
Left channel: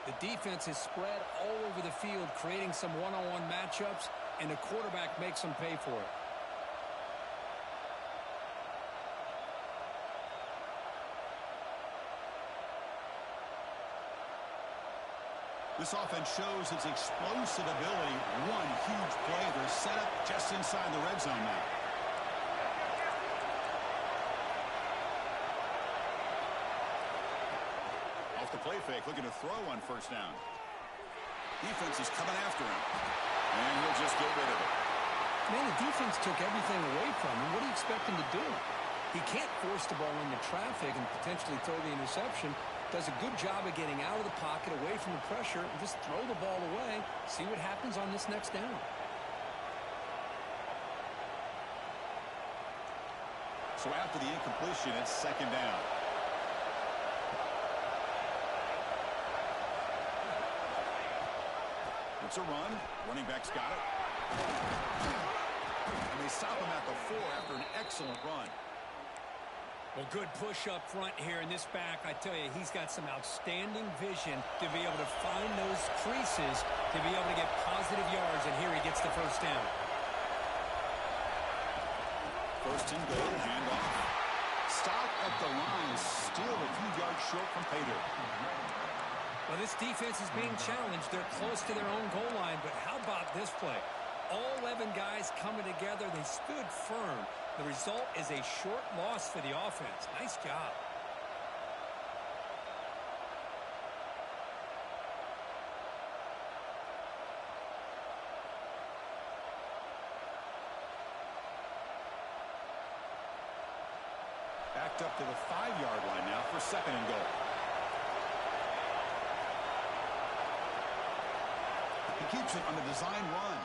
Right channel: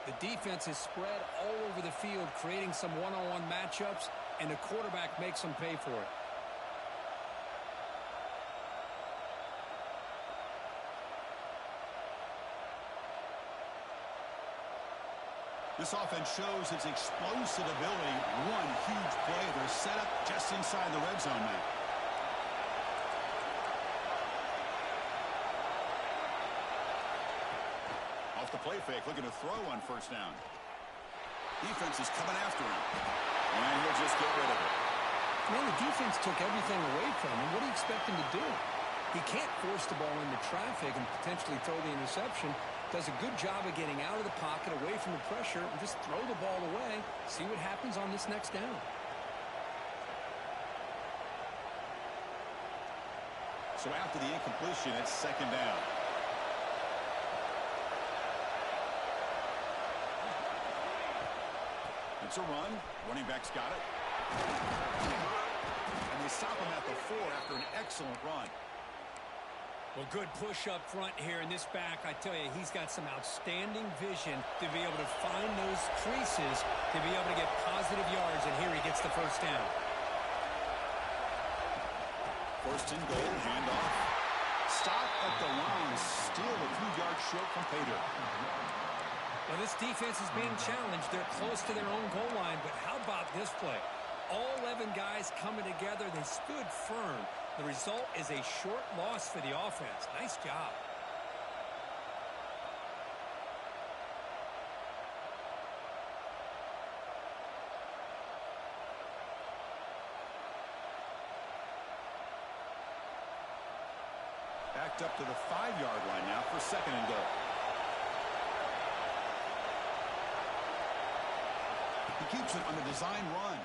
The defense is spread all over the field, creating some one-on-one matchups, and the quarterback makes them pay for it. This offense shows its explosive ability. One huge play. They're set up just inside the red zone now. Off the play fake, looking to throw on 1st down. Defense is coming after him. And he'll just get rid of it. Man, the defense took everything away from him. What do you expect him to do? He can't force the ball into traffic and potentially throw the interception. Does a good job of getting out of the pocket, away from the pressure, and just throw the ball away. See what happens on this next down. So after the incompletion, it's 2nd down. It's a run. Running back's got it. And they stop him at the 4 after an excellent run. Well, good push up front here in this back. I tell you, he's got some outstanding vision to be able to find those creases, to be able to get positive yards, and here he gets the 1st down. 1st and goal, handoff. Stop at the line, still a few yards short from pay dirt. Well, this defense is being challenged. They're close to their own goal line, but how about this play? All 11 guys coming together. They stood firm. The result is a short loss for the offense. Nice job. Backed up to the 5-yard line now for 2nd and goal. He keeps it on the design run.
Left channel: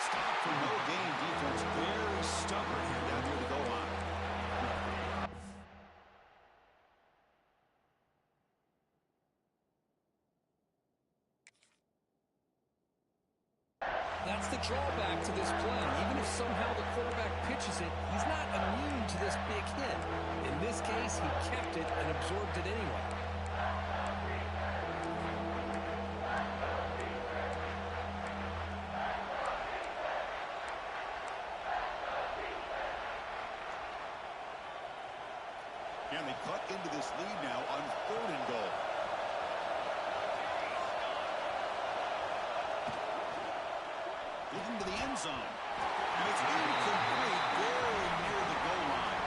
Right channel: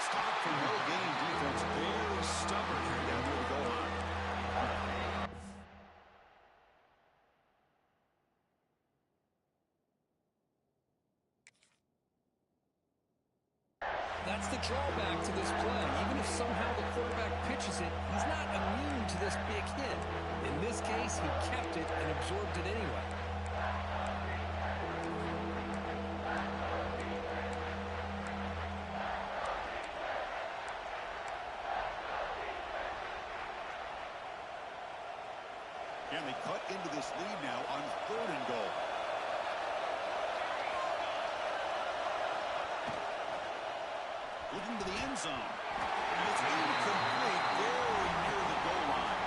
Stop for no gain defense. Very stubborn here down near the goal line. That's the drawback to this play. Even if somehow the quarterback pitches it, he's not immune to this big hit. In this case, he kept it and absorbed it anyway. And they cut into this lead now on 3rd and goal. Looking to the end zone. And it's incomplete, very near the goal line.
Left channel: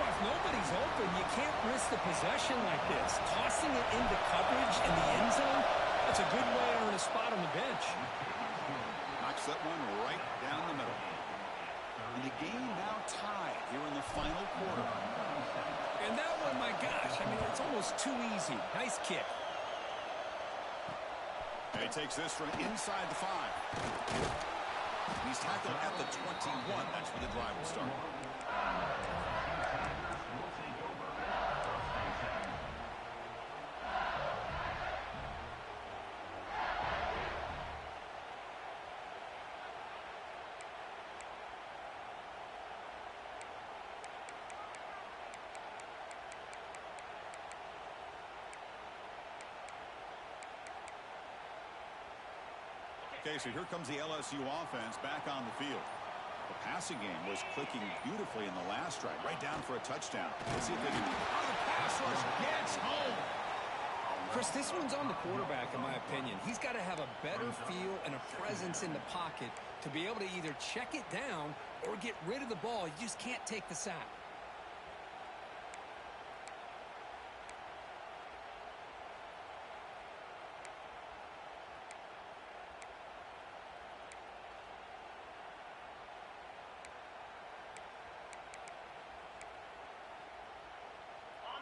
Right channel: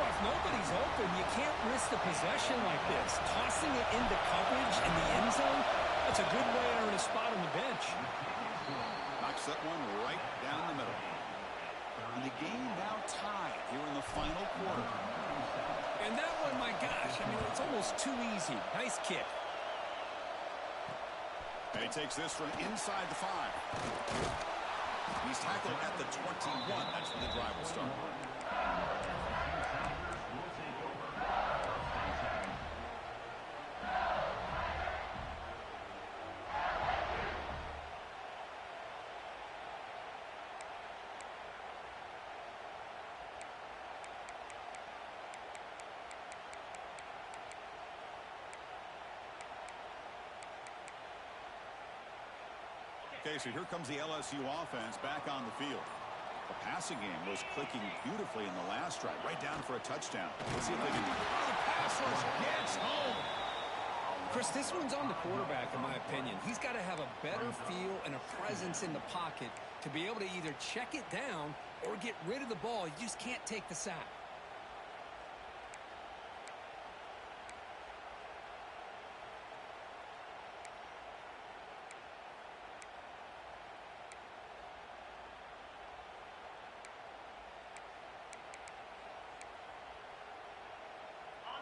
Well, if nobody's open, you can't risk the possession like this. Tossing it into coverage in the end zone, that's a good way to earn a spot on the bench. Knocks that one right down the middle. And the game now tied here in the final quarter. And that one, my gosh, I mean, it's almost too easy. Nice kick. And he takes this from inside the 5. He's tackled at the 21. That's where the drive will start. Okay, so here comes the LSU offense back on the field. The passing game was clicking beautifully in the last drive, right down for a touchdown. Let's see if they can... Oh, the pass rush gets home. Chris, this one's on the quarterback, in my opinion. He's got to have a better feel and a presence in the pocket to be able to either check it down or get rid of the ball. You just can't take the sack.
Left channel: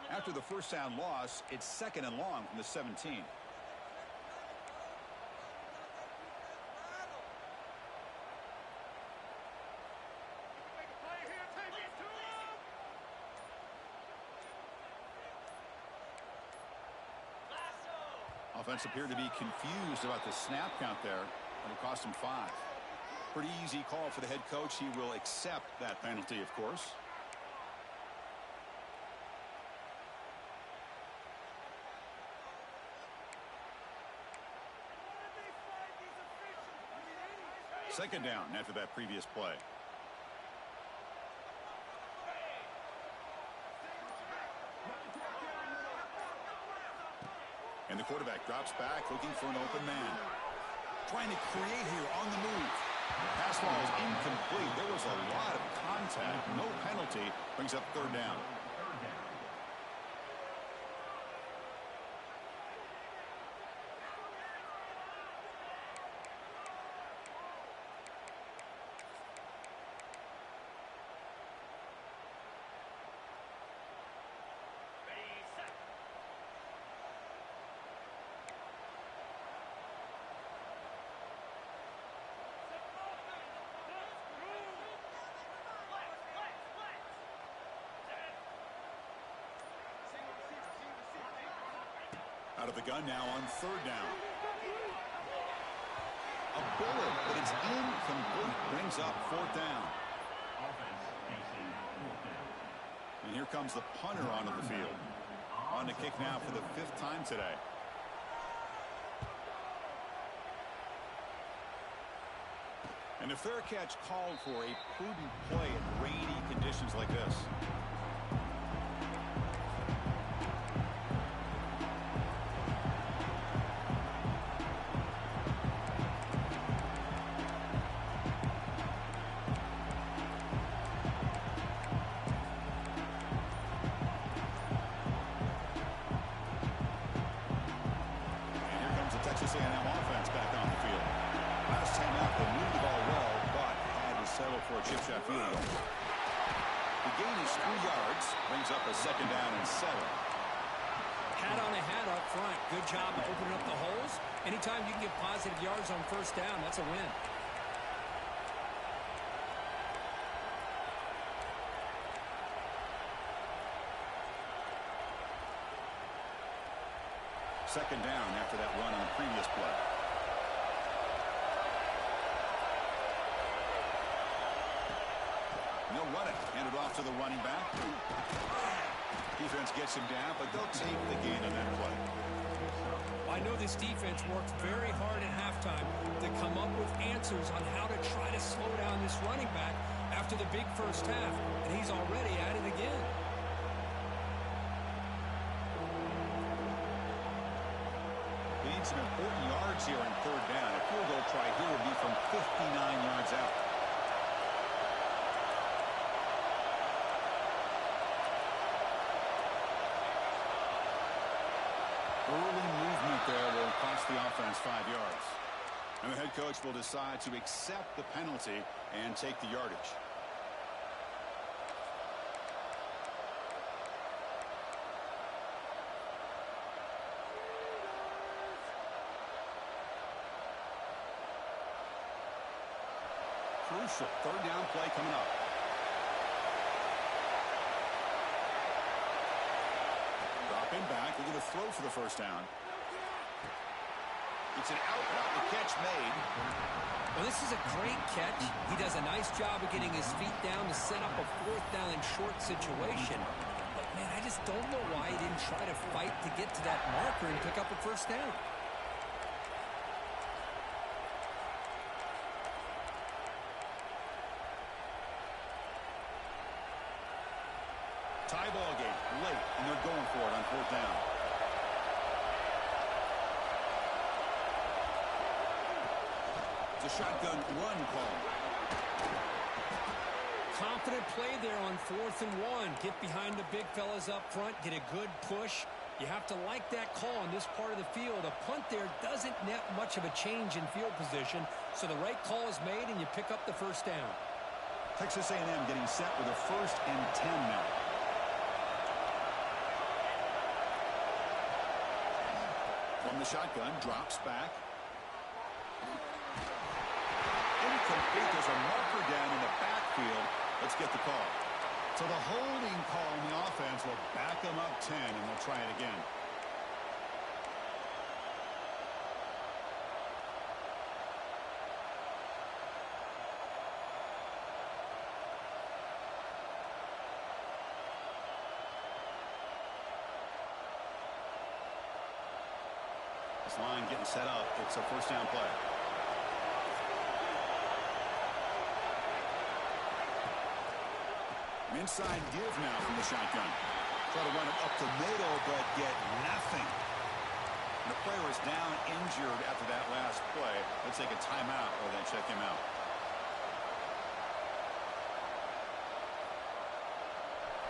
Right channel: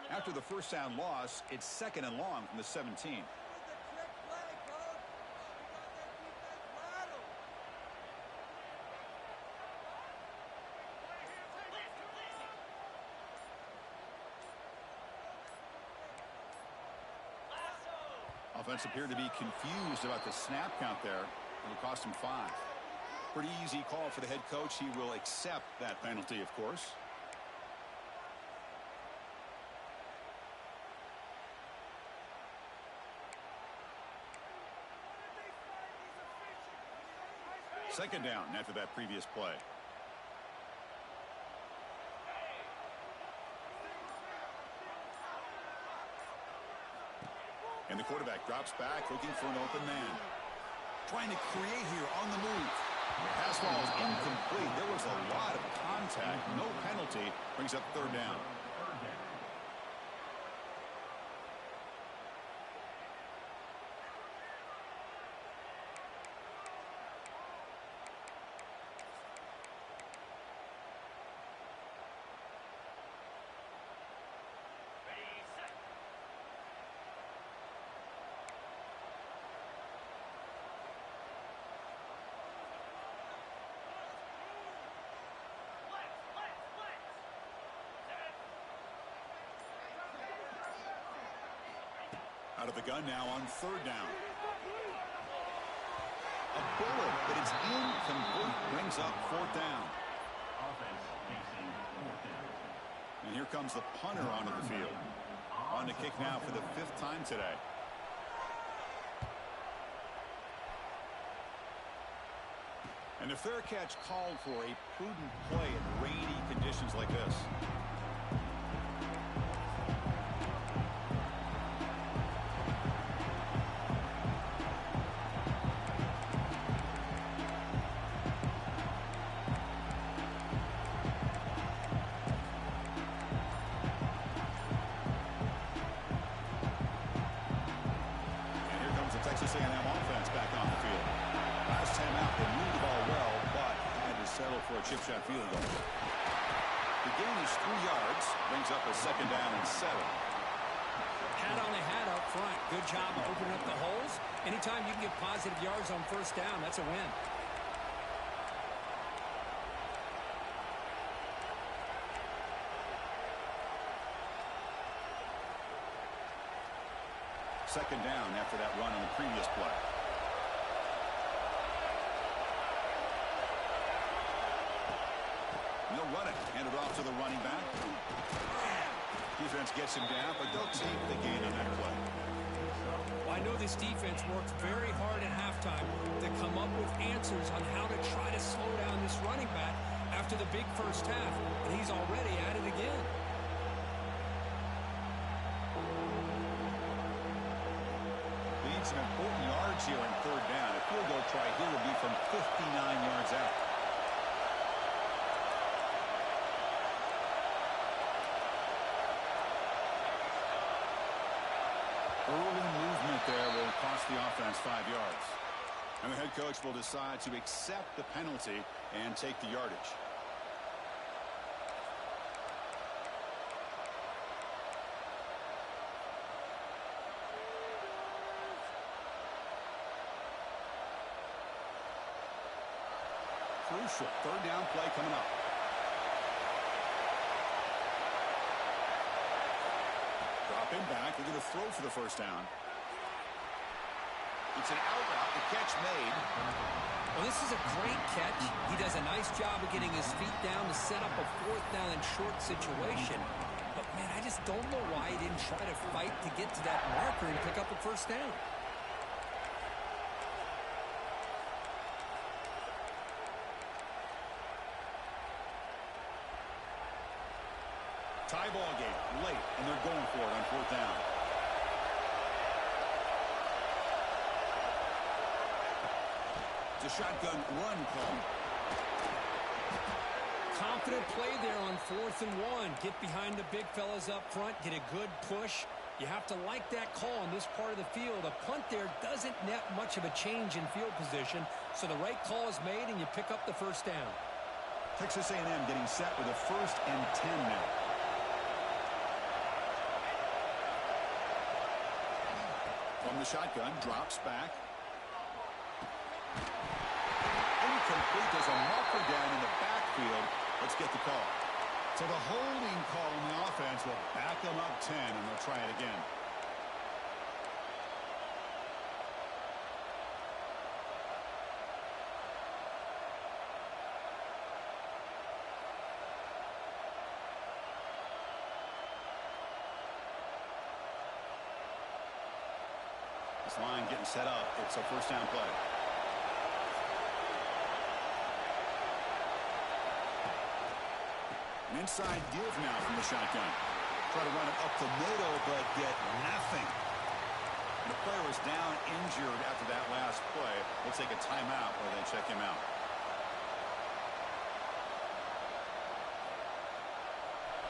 After the first down loss, it's 2nd and long from the 17. Offense appeared to be confused about the snap count there, and it cost him 5. Pretty easy call for the head coach. He will accept that penalty, of course. Second down after that previous play. And the quarterback drops back looking for an open man. Trying to create here on the move. Pass ball is incomplete. There was a lot of contact. No penalty. Brings up 3rd down. Out of the gun now on 3rd down. A bullet, but it's incomplete. Brings up 4th down. Offense facing 4th down. And here comes the punter onto the field. On to kick now for the 5th time today. And a fair catch called for a prudent play in rainy conditions like this. Texas A&M offense back on the field. Last time out, they moved the ball well, but had to settle for a chip shot field goal. The gain is 3 yards. Brings up a 2nd down and 7. Hat on a hat up front. Good job of opening up the holes. Anytime you can get positive yards on 1st down, that's a win. Second down after that run on the previous play. And they'll run it. Hand it off to the running back. Defense gets him down, but they'll take the gain on that play. Well, I know this defense worked very hard at halftime to come up with answers on how to try to slow down this running back after the big first half, and he's already at it again. They need some important yards here in 3rd down. A field goal try here would be from 59 yards out. Early movement there will cost the offense 5 yards. And the head coach will decide to accept the penalty and take the yardage. Crucial 3rd down play coming up. Dropping back. They're going to throw for the 1st down. It's an out route. The catch made. Well, this is a great catch. He does a nice job of getting his feet down to set up a 4th down and short situation. But, man, I just don't know why he didn't try to fight to get to that marker and pick up a 1st down. Tie ball game late, and they're going for it on 4th down. It's a shotgun run call. Confident play there on 4th and 1. Get behind the big fellas up front. Get a good push. You have to like that call in this part of the field. A punt there doesn't net much of a change in field position, so the right call is made, and you pick up the 1st down. Texas A&M getting set with a 1st and 10 now. From the shotgun, drops back. Incomplete. There's a marker down in the backfield. Let's get the call. So the holding call on the offense will back them up 10, and they'll try it again. This line getting set up. It's a 1st down play. An inside give now from the shotgun. Try to run it up the middle, but get nothing. And the player is down injured after that last play. They'll take a timeout or then check him out.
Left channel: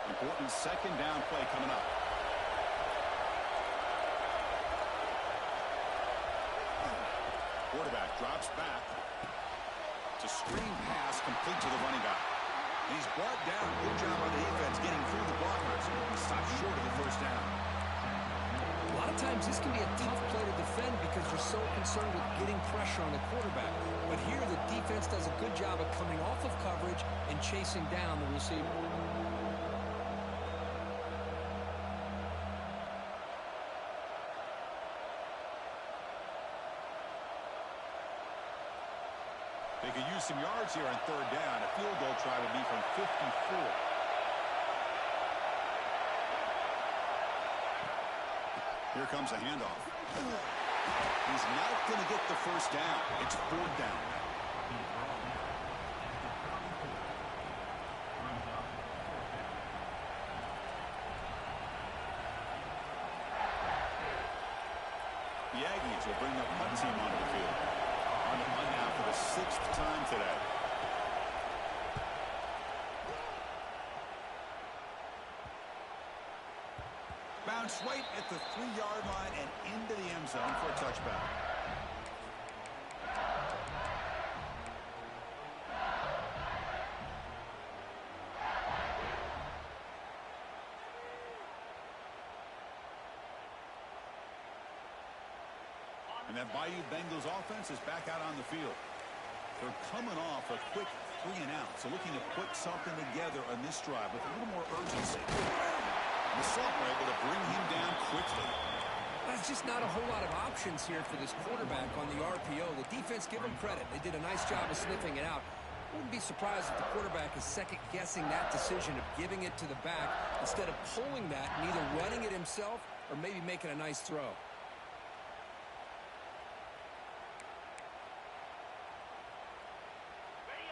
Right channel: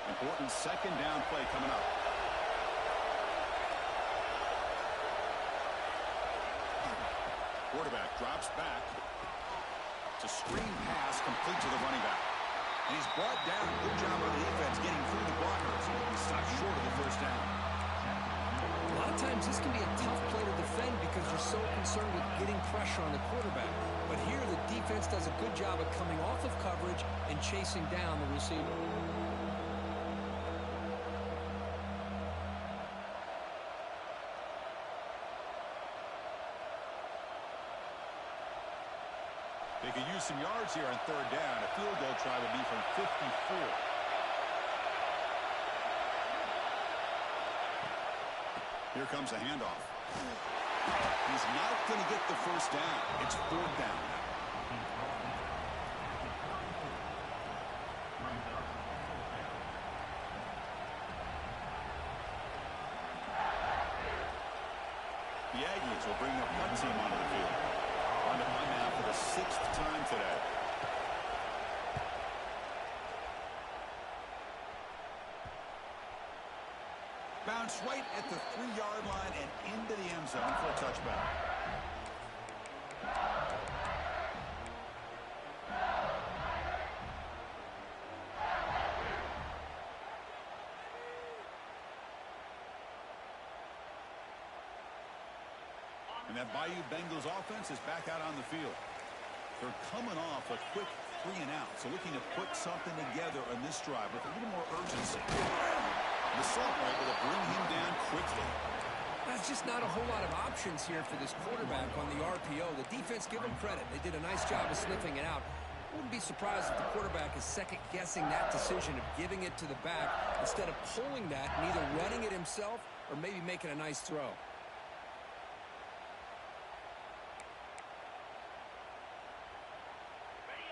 Important 2nd down play coming up. Quarterback drops back. It's a screen pass complete to the running back. And he's brought down. Good job by the defense getting through the blockers. He stopped short of the 1st down. A lot of times this can be a tough play to defend because you're so concerned with getting pressure on the quarterback. But here the defense does a good job of coming off of coverage and chasing down the receiver. They could use some yards here on 3rd down. A field goal try would be from 54. Here comes a handoff. He's not going to get the 1st down. It's 4th down now. The Aggies will bring the punt team onto the field. On to punt now for the 6th time today. Bounce right at the 3-yard line and into the end zone for a touchback. And that Bayou Bengals offense is back out on the field. They're coming off a quick 3-and-out, so looking to put something together on this drive with a little more urgency. The Salt were able to bring him down quickly. That's just not a whole lot of options here for this quarterback on the RPO. The defense, give them credit. They did a nice job of sniffing it out. Wouldn't be surprised if the quarterback is second-guessing that decision of giving it to the back instead of pulling that and either running it himself or maybe making a nice throw.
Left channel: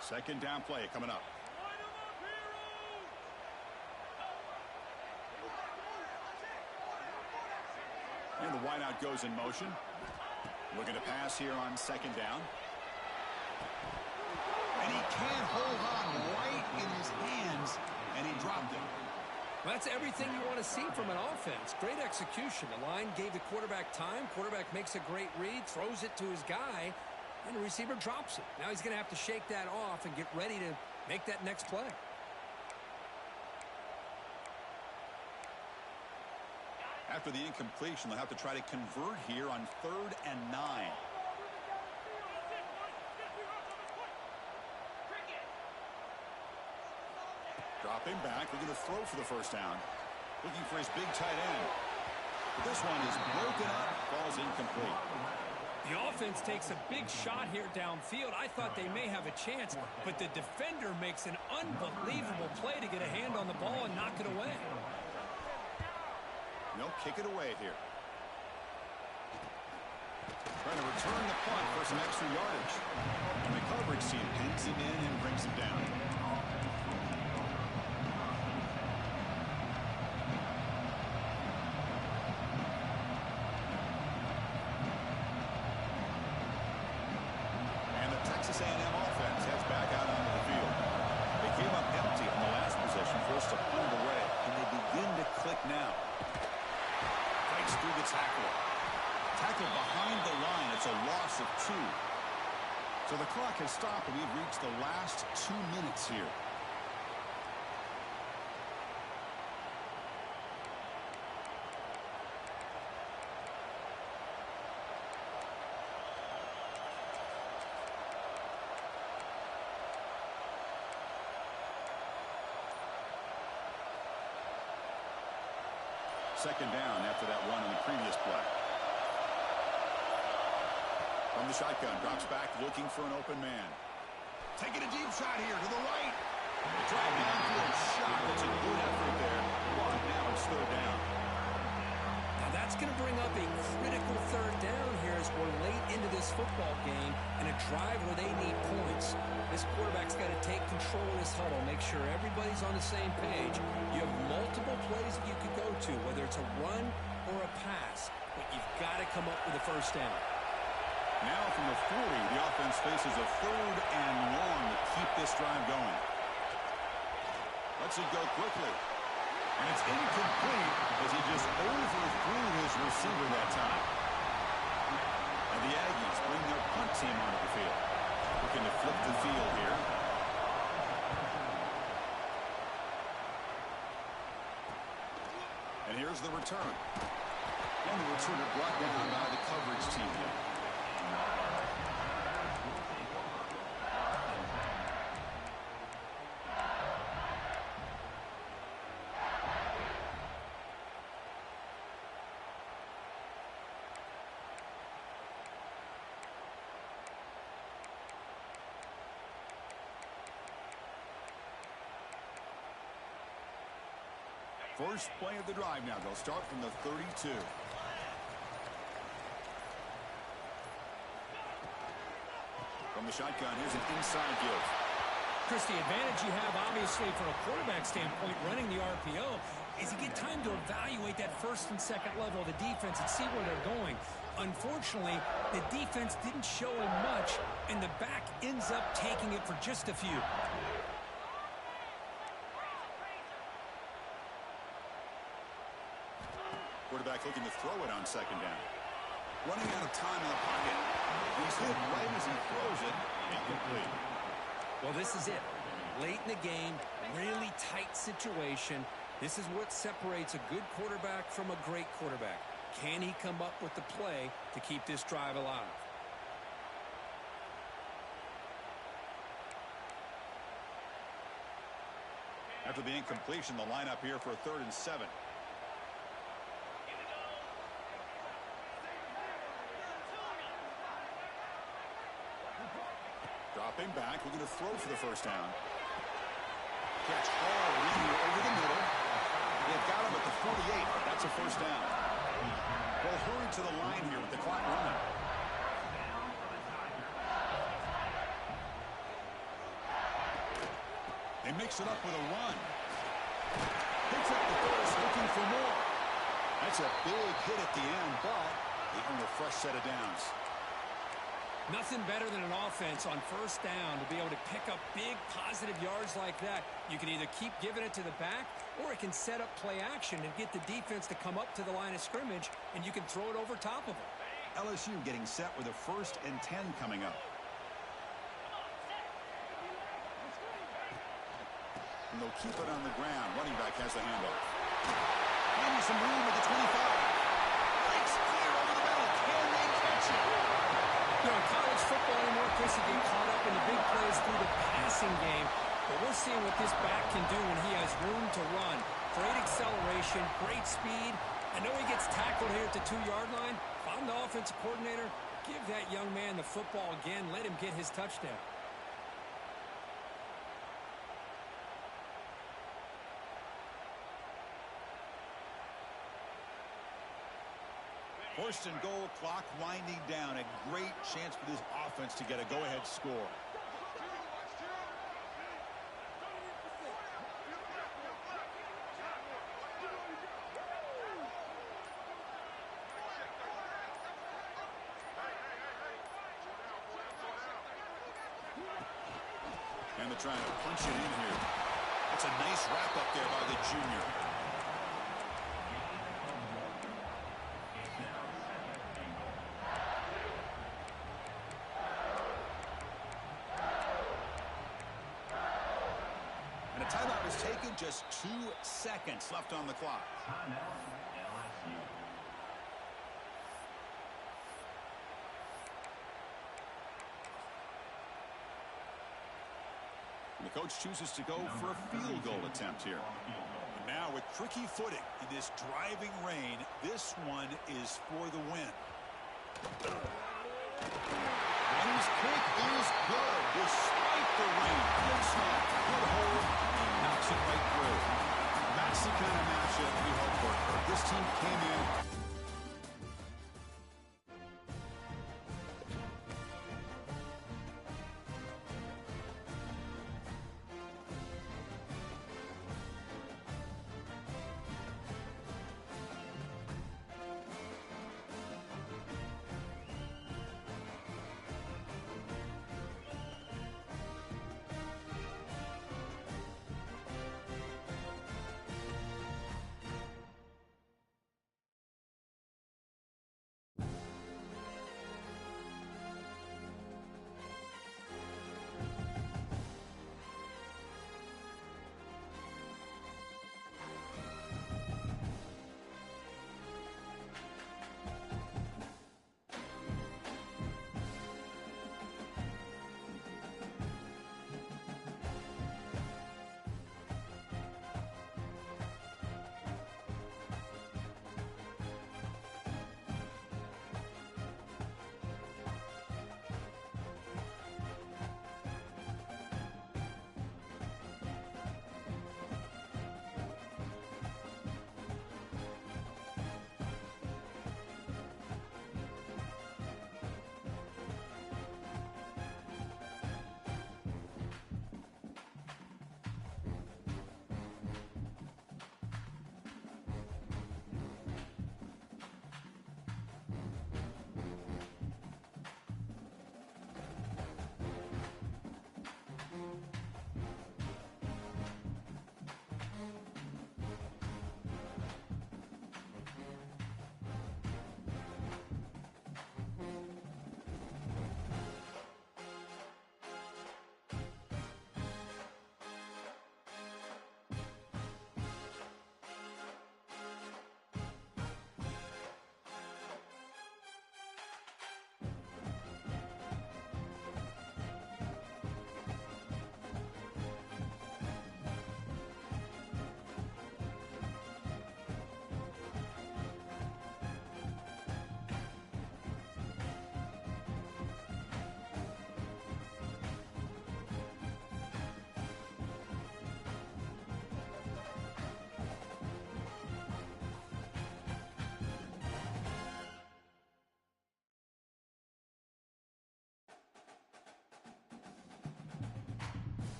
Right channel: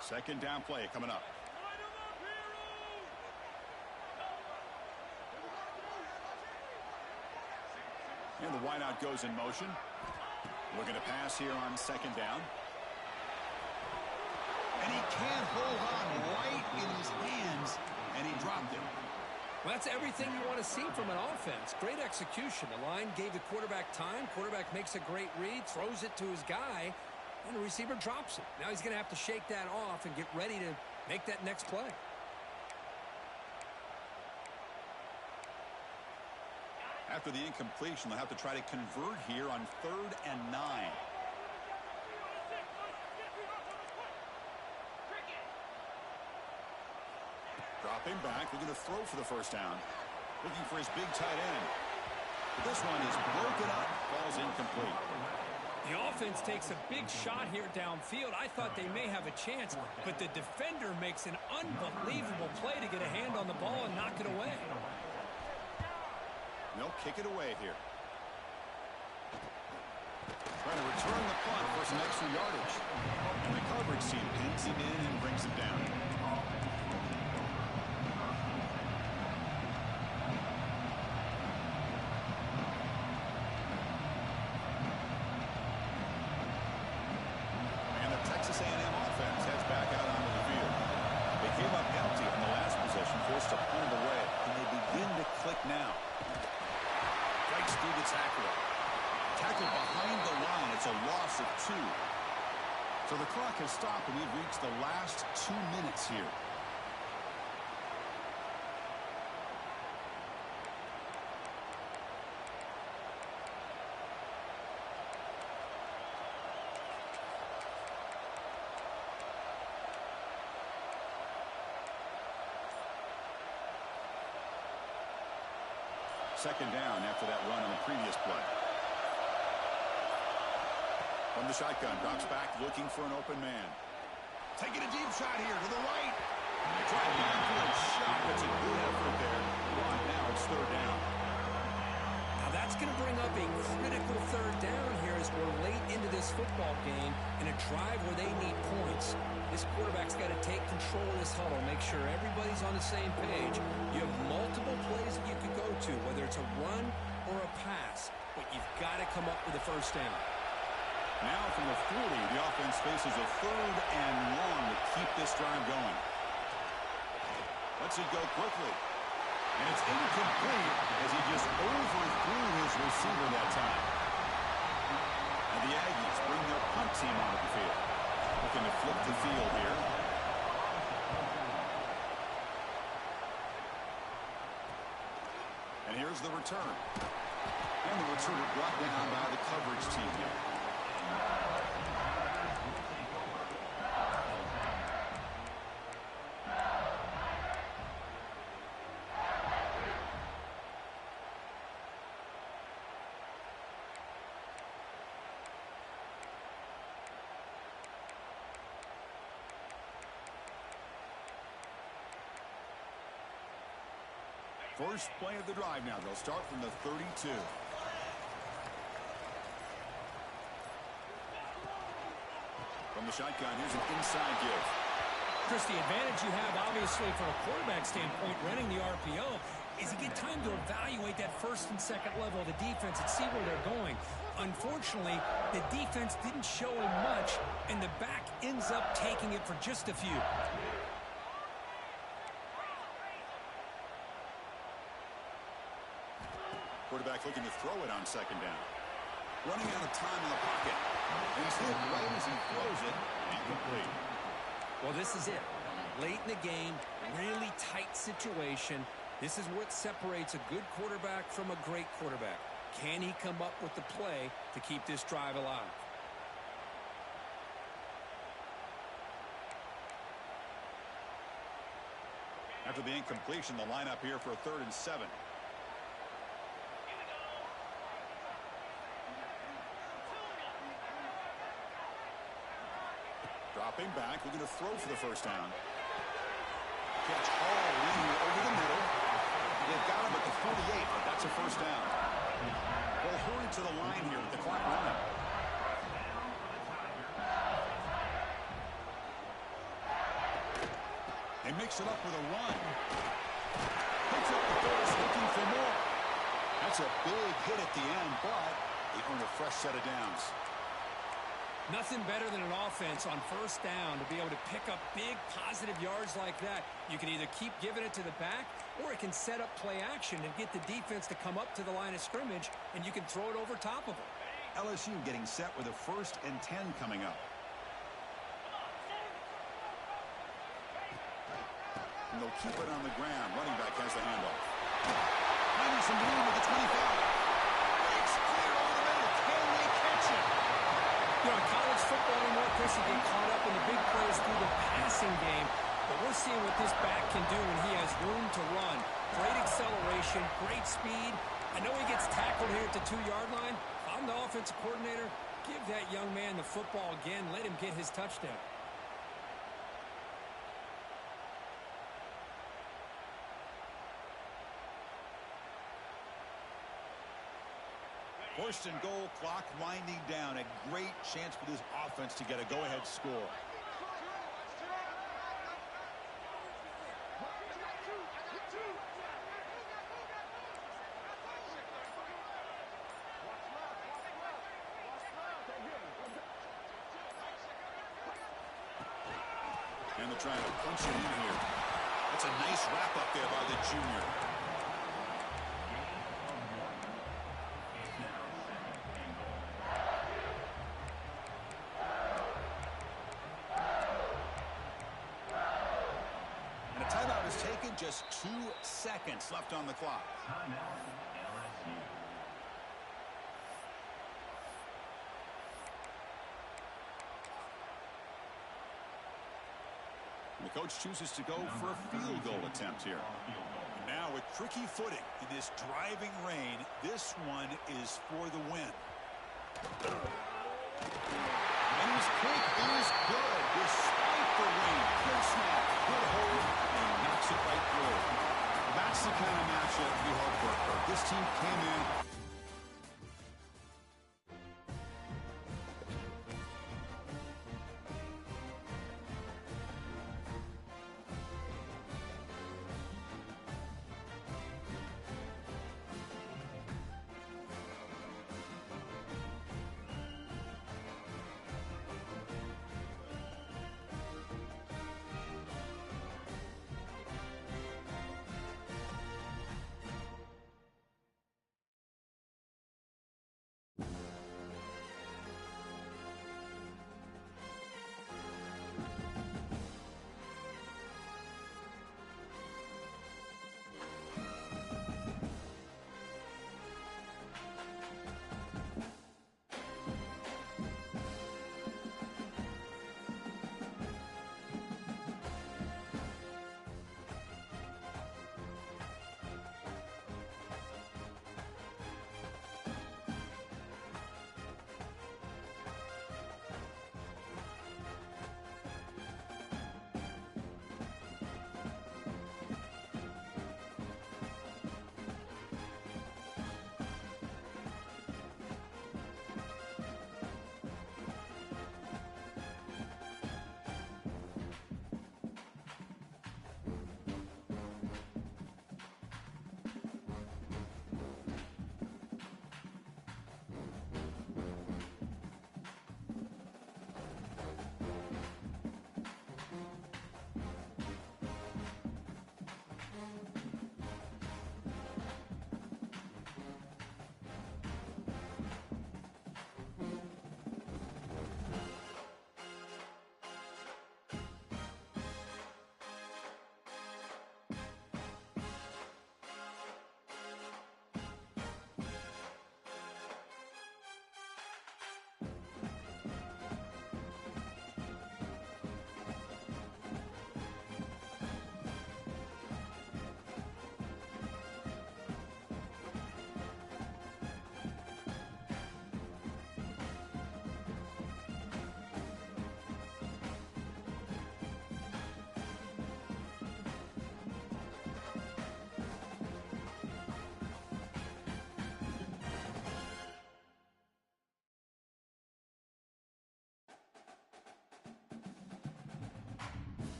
Second down play coming up. And the wideout goes in motion. Looking to pass here on second down. And he can't hold on right in his hands, and he dropped it. Well, that's everything you want to see from an offense. Great execution. The line gave the quarterback time. Quarterback makes a great read, throws it to his guy, and the receiver drops it. Now he's going to have to shake that off and get ready to make that next play. After the incompletion, they'll have to try to convert here on 3rd and 9. Dropping back, looking to throw for the first down. Looking for his big tight end. But this one is broken up, falls incomplete. The offense takes a big shot here downfield. I thought they may have a chance, but the defender makes an unbelievable play to get a hand on the ball and knock it away. They'll kick it away here. Trying to return the punt for some extra yardage. And the coverage team pins him in and brings him down. And the Texas A&M offense heads back out onto the field. They came up empty in the last possession, forced to punt it away. And they begin to click now. Breaks through the tackler. Tackled behind the line. It's a loss of 2. So the clock has stopped, and we've reached the last 2 minutes here. Second down after that run in the previous play. From the shotgun, drops back, looking for an open man. Taking a deep shot here to the right. Drive downfield shot. That's a good effort there. But now it's 3rd down. Now that's going to bring up a critical 3rd down here as we're late into this football game in a drive where they need points. This quarterback's got to take control of this huddle, make sure everybody's on the same page. You have multiple plays that you could go to, whether it's a run or a pass, but you've got to come up with a first down. Now from the 40, the offense faces a 3rd and long to keep this drive going. Lets it go quickly. And it's incomplete as he just overthrew his receiver that time. And the Aggies bring their punt team onto the field. Looking to flip the field here. And here's the return. And the returner brought down by the coverage team here. First play of the drive now. They'll start from the 32. From the shotgun, here's an inside give. Chris, the advantage you have, obviously, from a quarterback standpoint, running the RPO, is you get time to evaluate that first and second level of the defense and see where they're going. Unfortunately, the defense didn't show him much, and the back ends up taking it for just a few. Quarterback looking to throw it on second down. Running out of time in the pocket. And he's hit right as he throws it. Incomplete. Well, this is it. Late in the game, really tight situation. This is what separates a good quarterback from a great quarterback. Can he come up with the play to keep this drive alive? After the incompletion, the lineup here for a 3rd and 7. Dropping back, looking to throw for the first down. Catch hauled in here over the middle. They've got him at the 48, but that's a first down. They'll hurry to the line here with the clock running. They mix it up with a run. Picks up the first, looking for more. That's a big hit at the end, but they earn a fresh set of downs. Nothing better than an offense on first down to be able to pick up big positive yards like that. You can either keep giving it to the back, or it can set up play action and get the defense to come up to the line of scrimmage, and you can throw it over top of them. LSU getting set with a 1st and 10 coming up. And they'll keep it on the ground. Running back has the handoff. Finding some room at the 25. Breaks clear over the middle. Can they catch it? You know, in college football anymore, Chris, you get caught up in the big plays through the passing game. But we're seeing what this back can do when he has room to run. Great acceleration, great speed. I know he gets tackled here at the 2-yard line. If I'm the offensive coordinator, give that young man the football again. Let him get his touchdown. 1st and goal, clock winding down. A great chance for this offense to get a go-ahead score. And they're trying to punch it in here. That's a nice wrap up there by the junior. And a timeout is taken. Just 2 seconds left on the clock. Timeout, LSU. And the coach chooses to go for a field goal attempt here. And now with tricky footing in this driving rain, this one is for the win. And his kick is good despite the rain. Good snap, good hold, and he knocks it right through. That's the kind of matchup we hope for. This team came in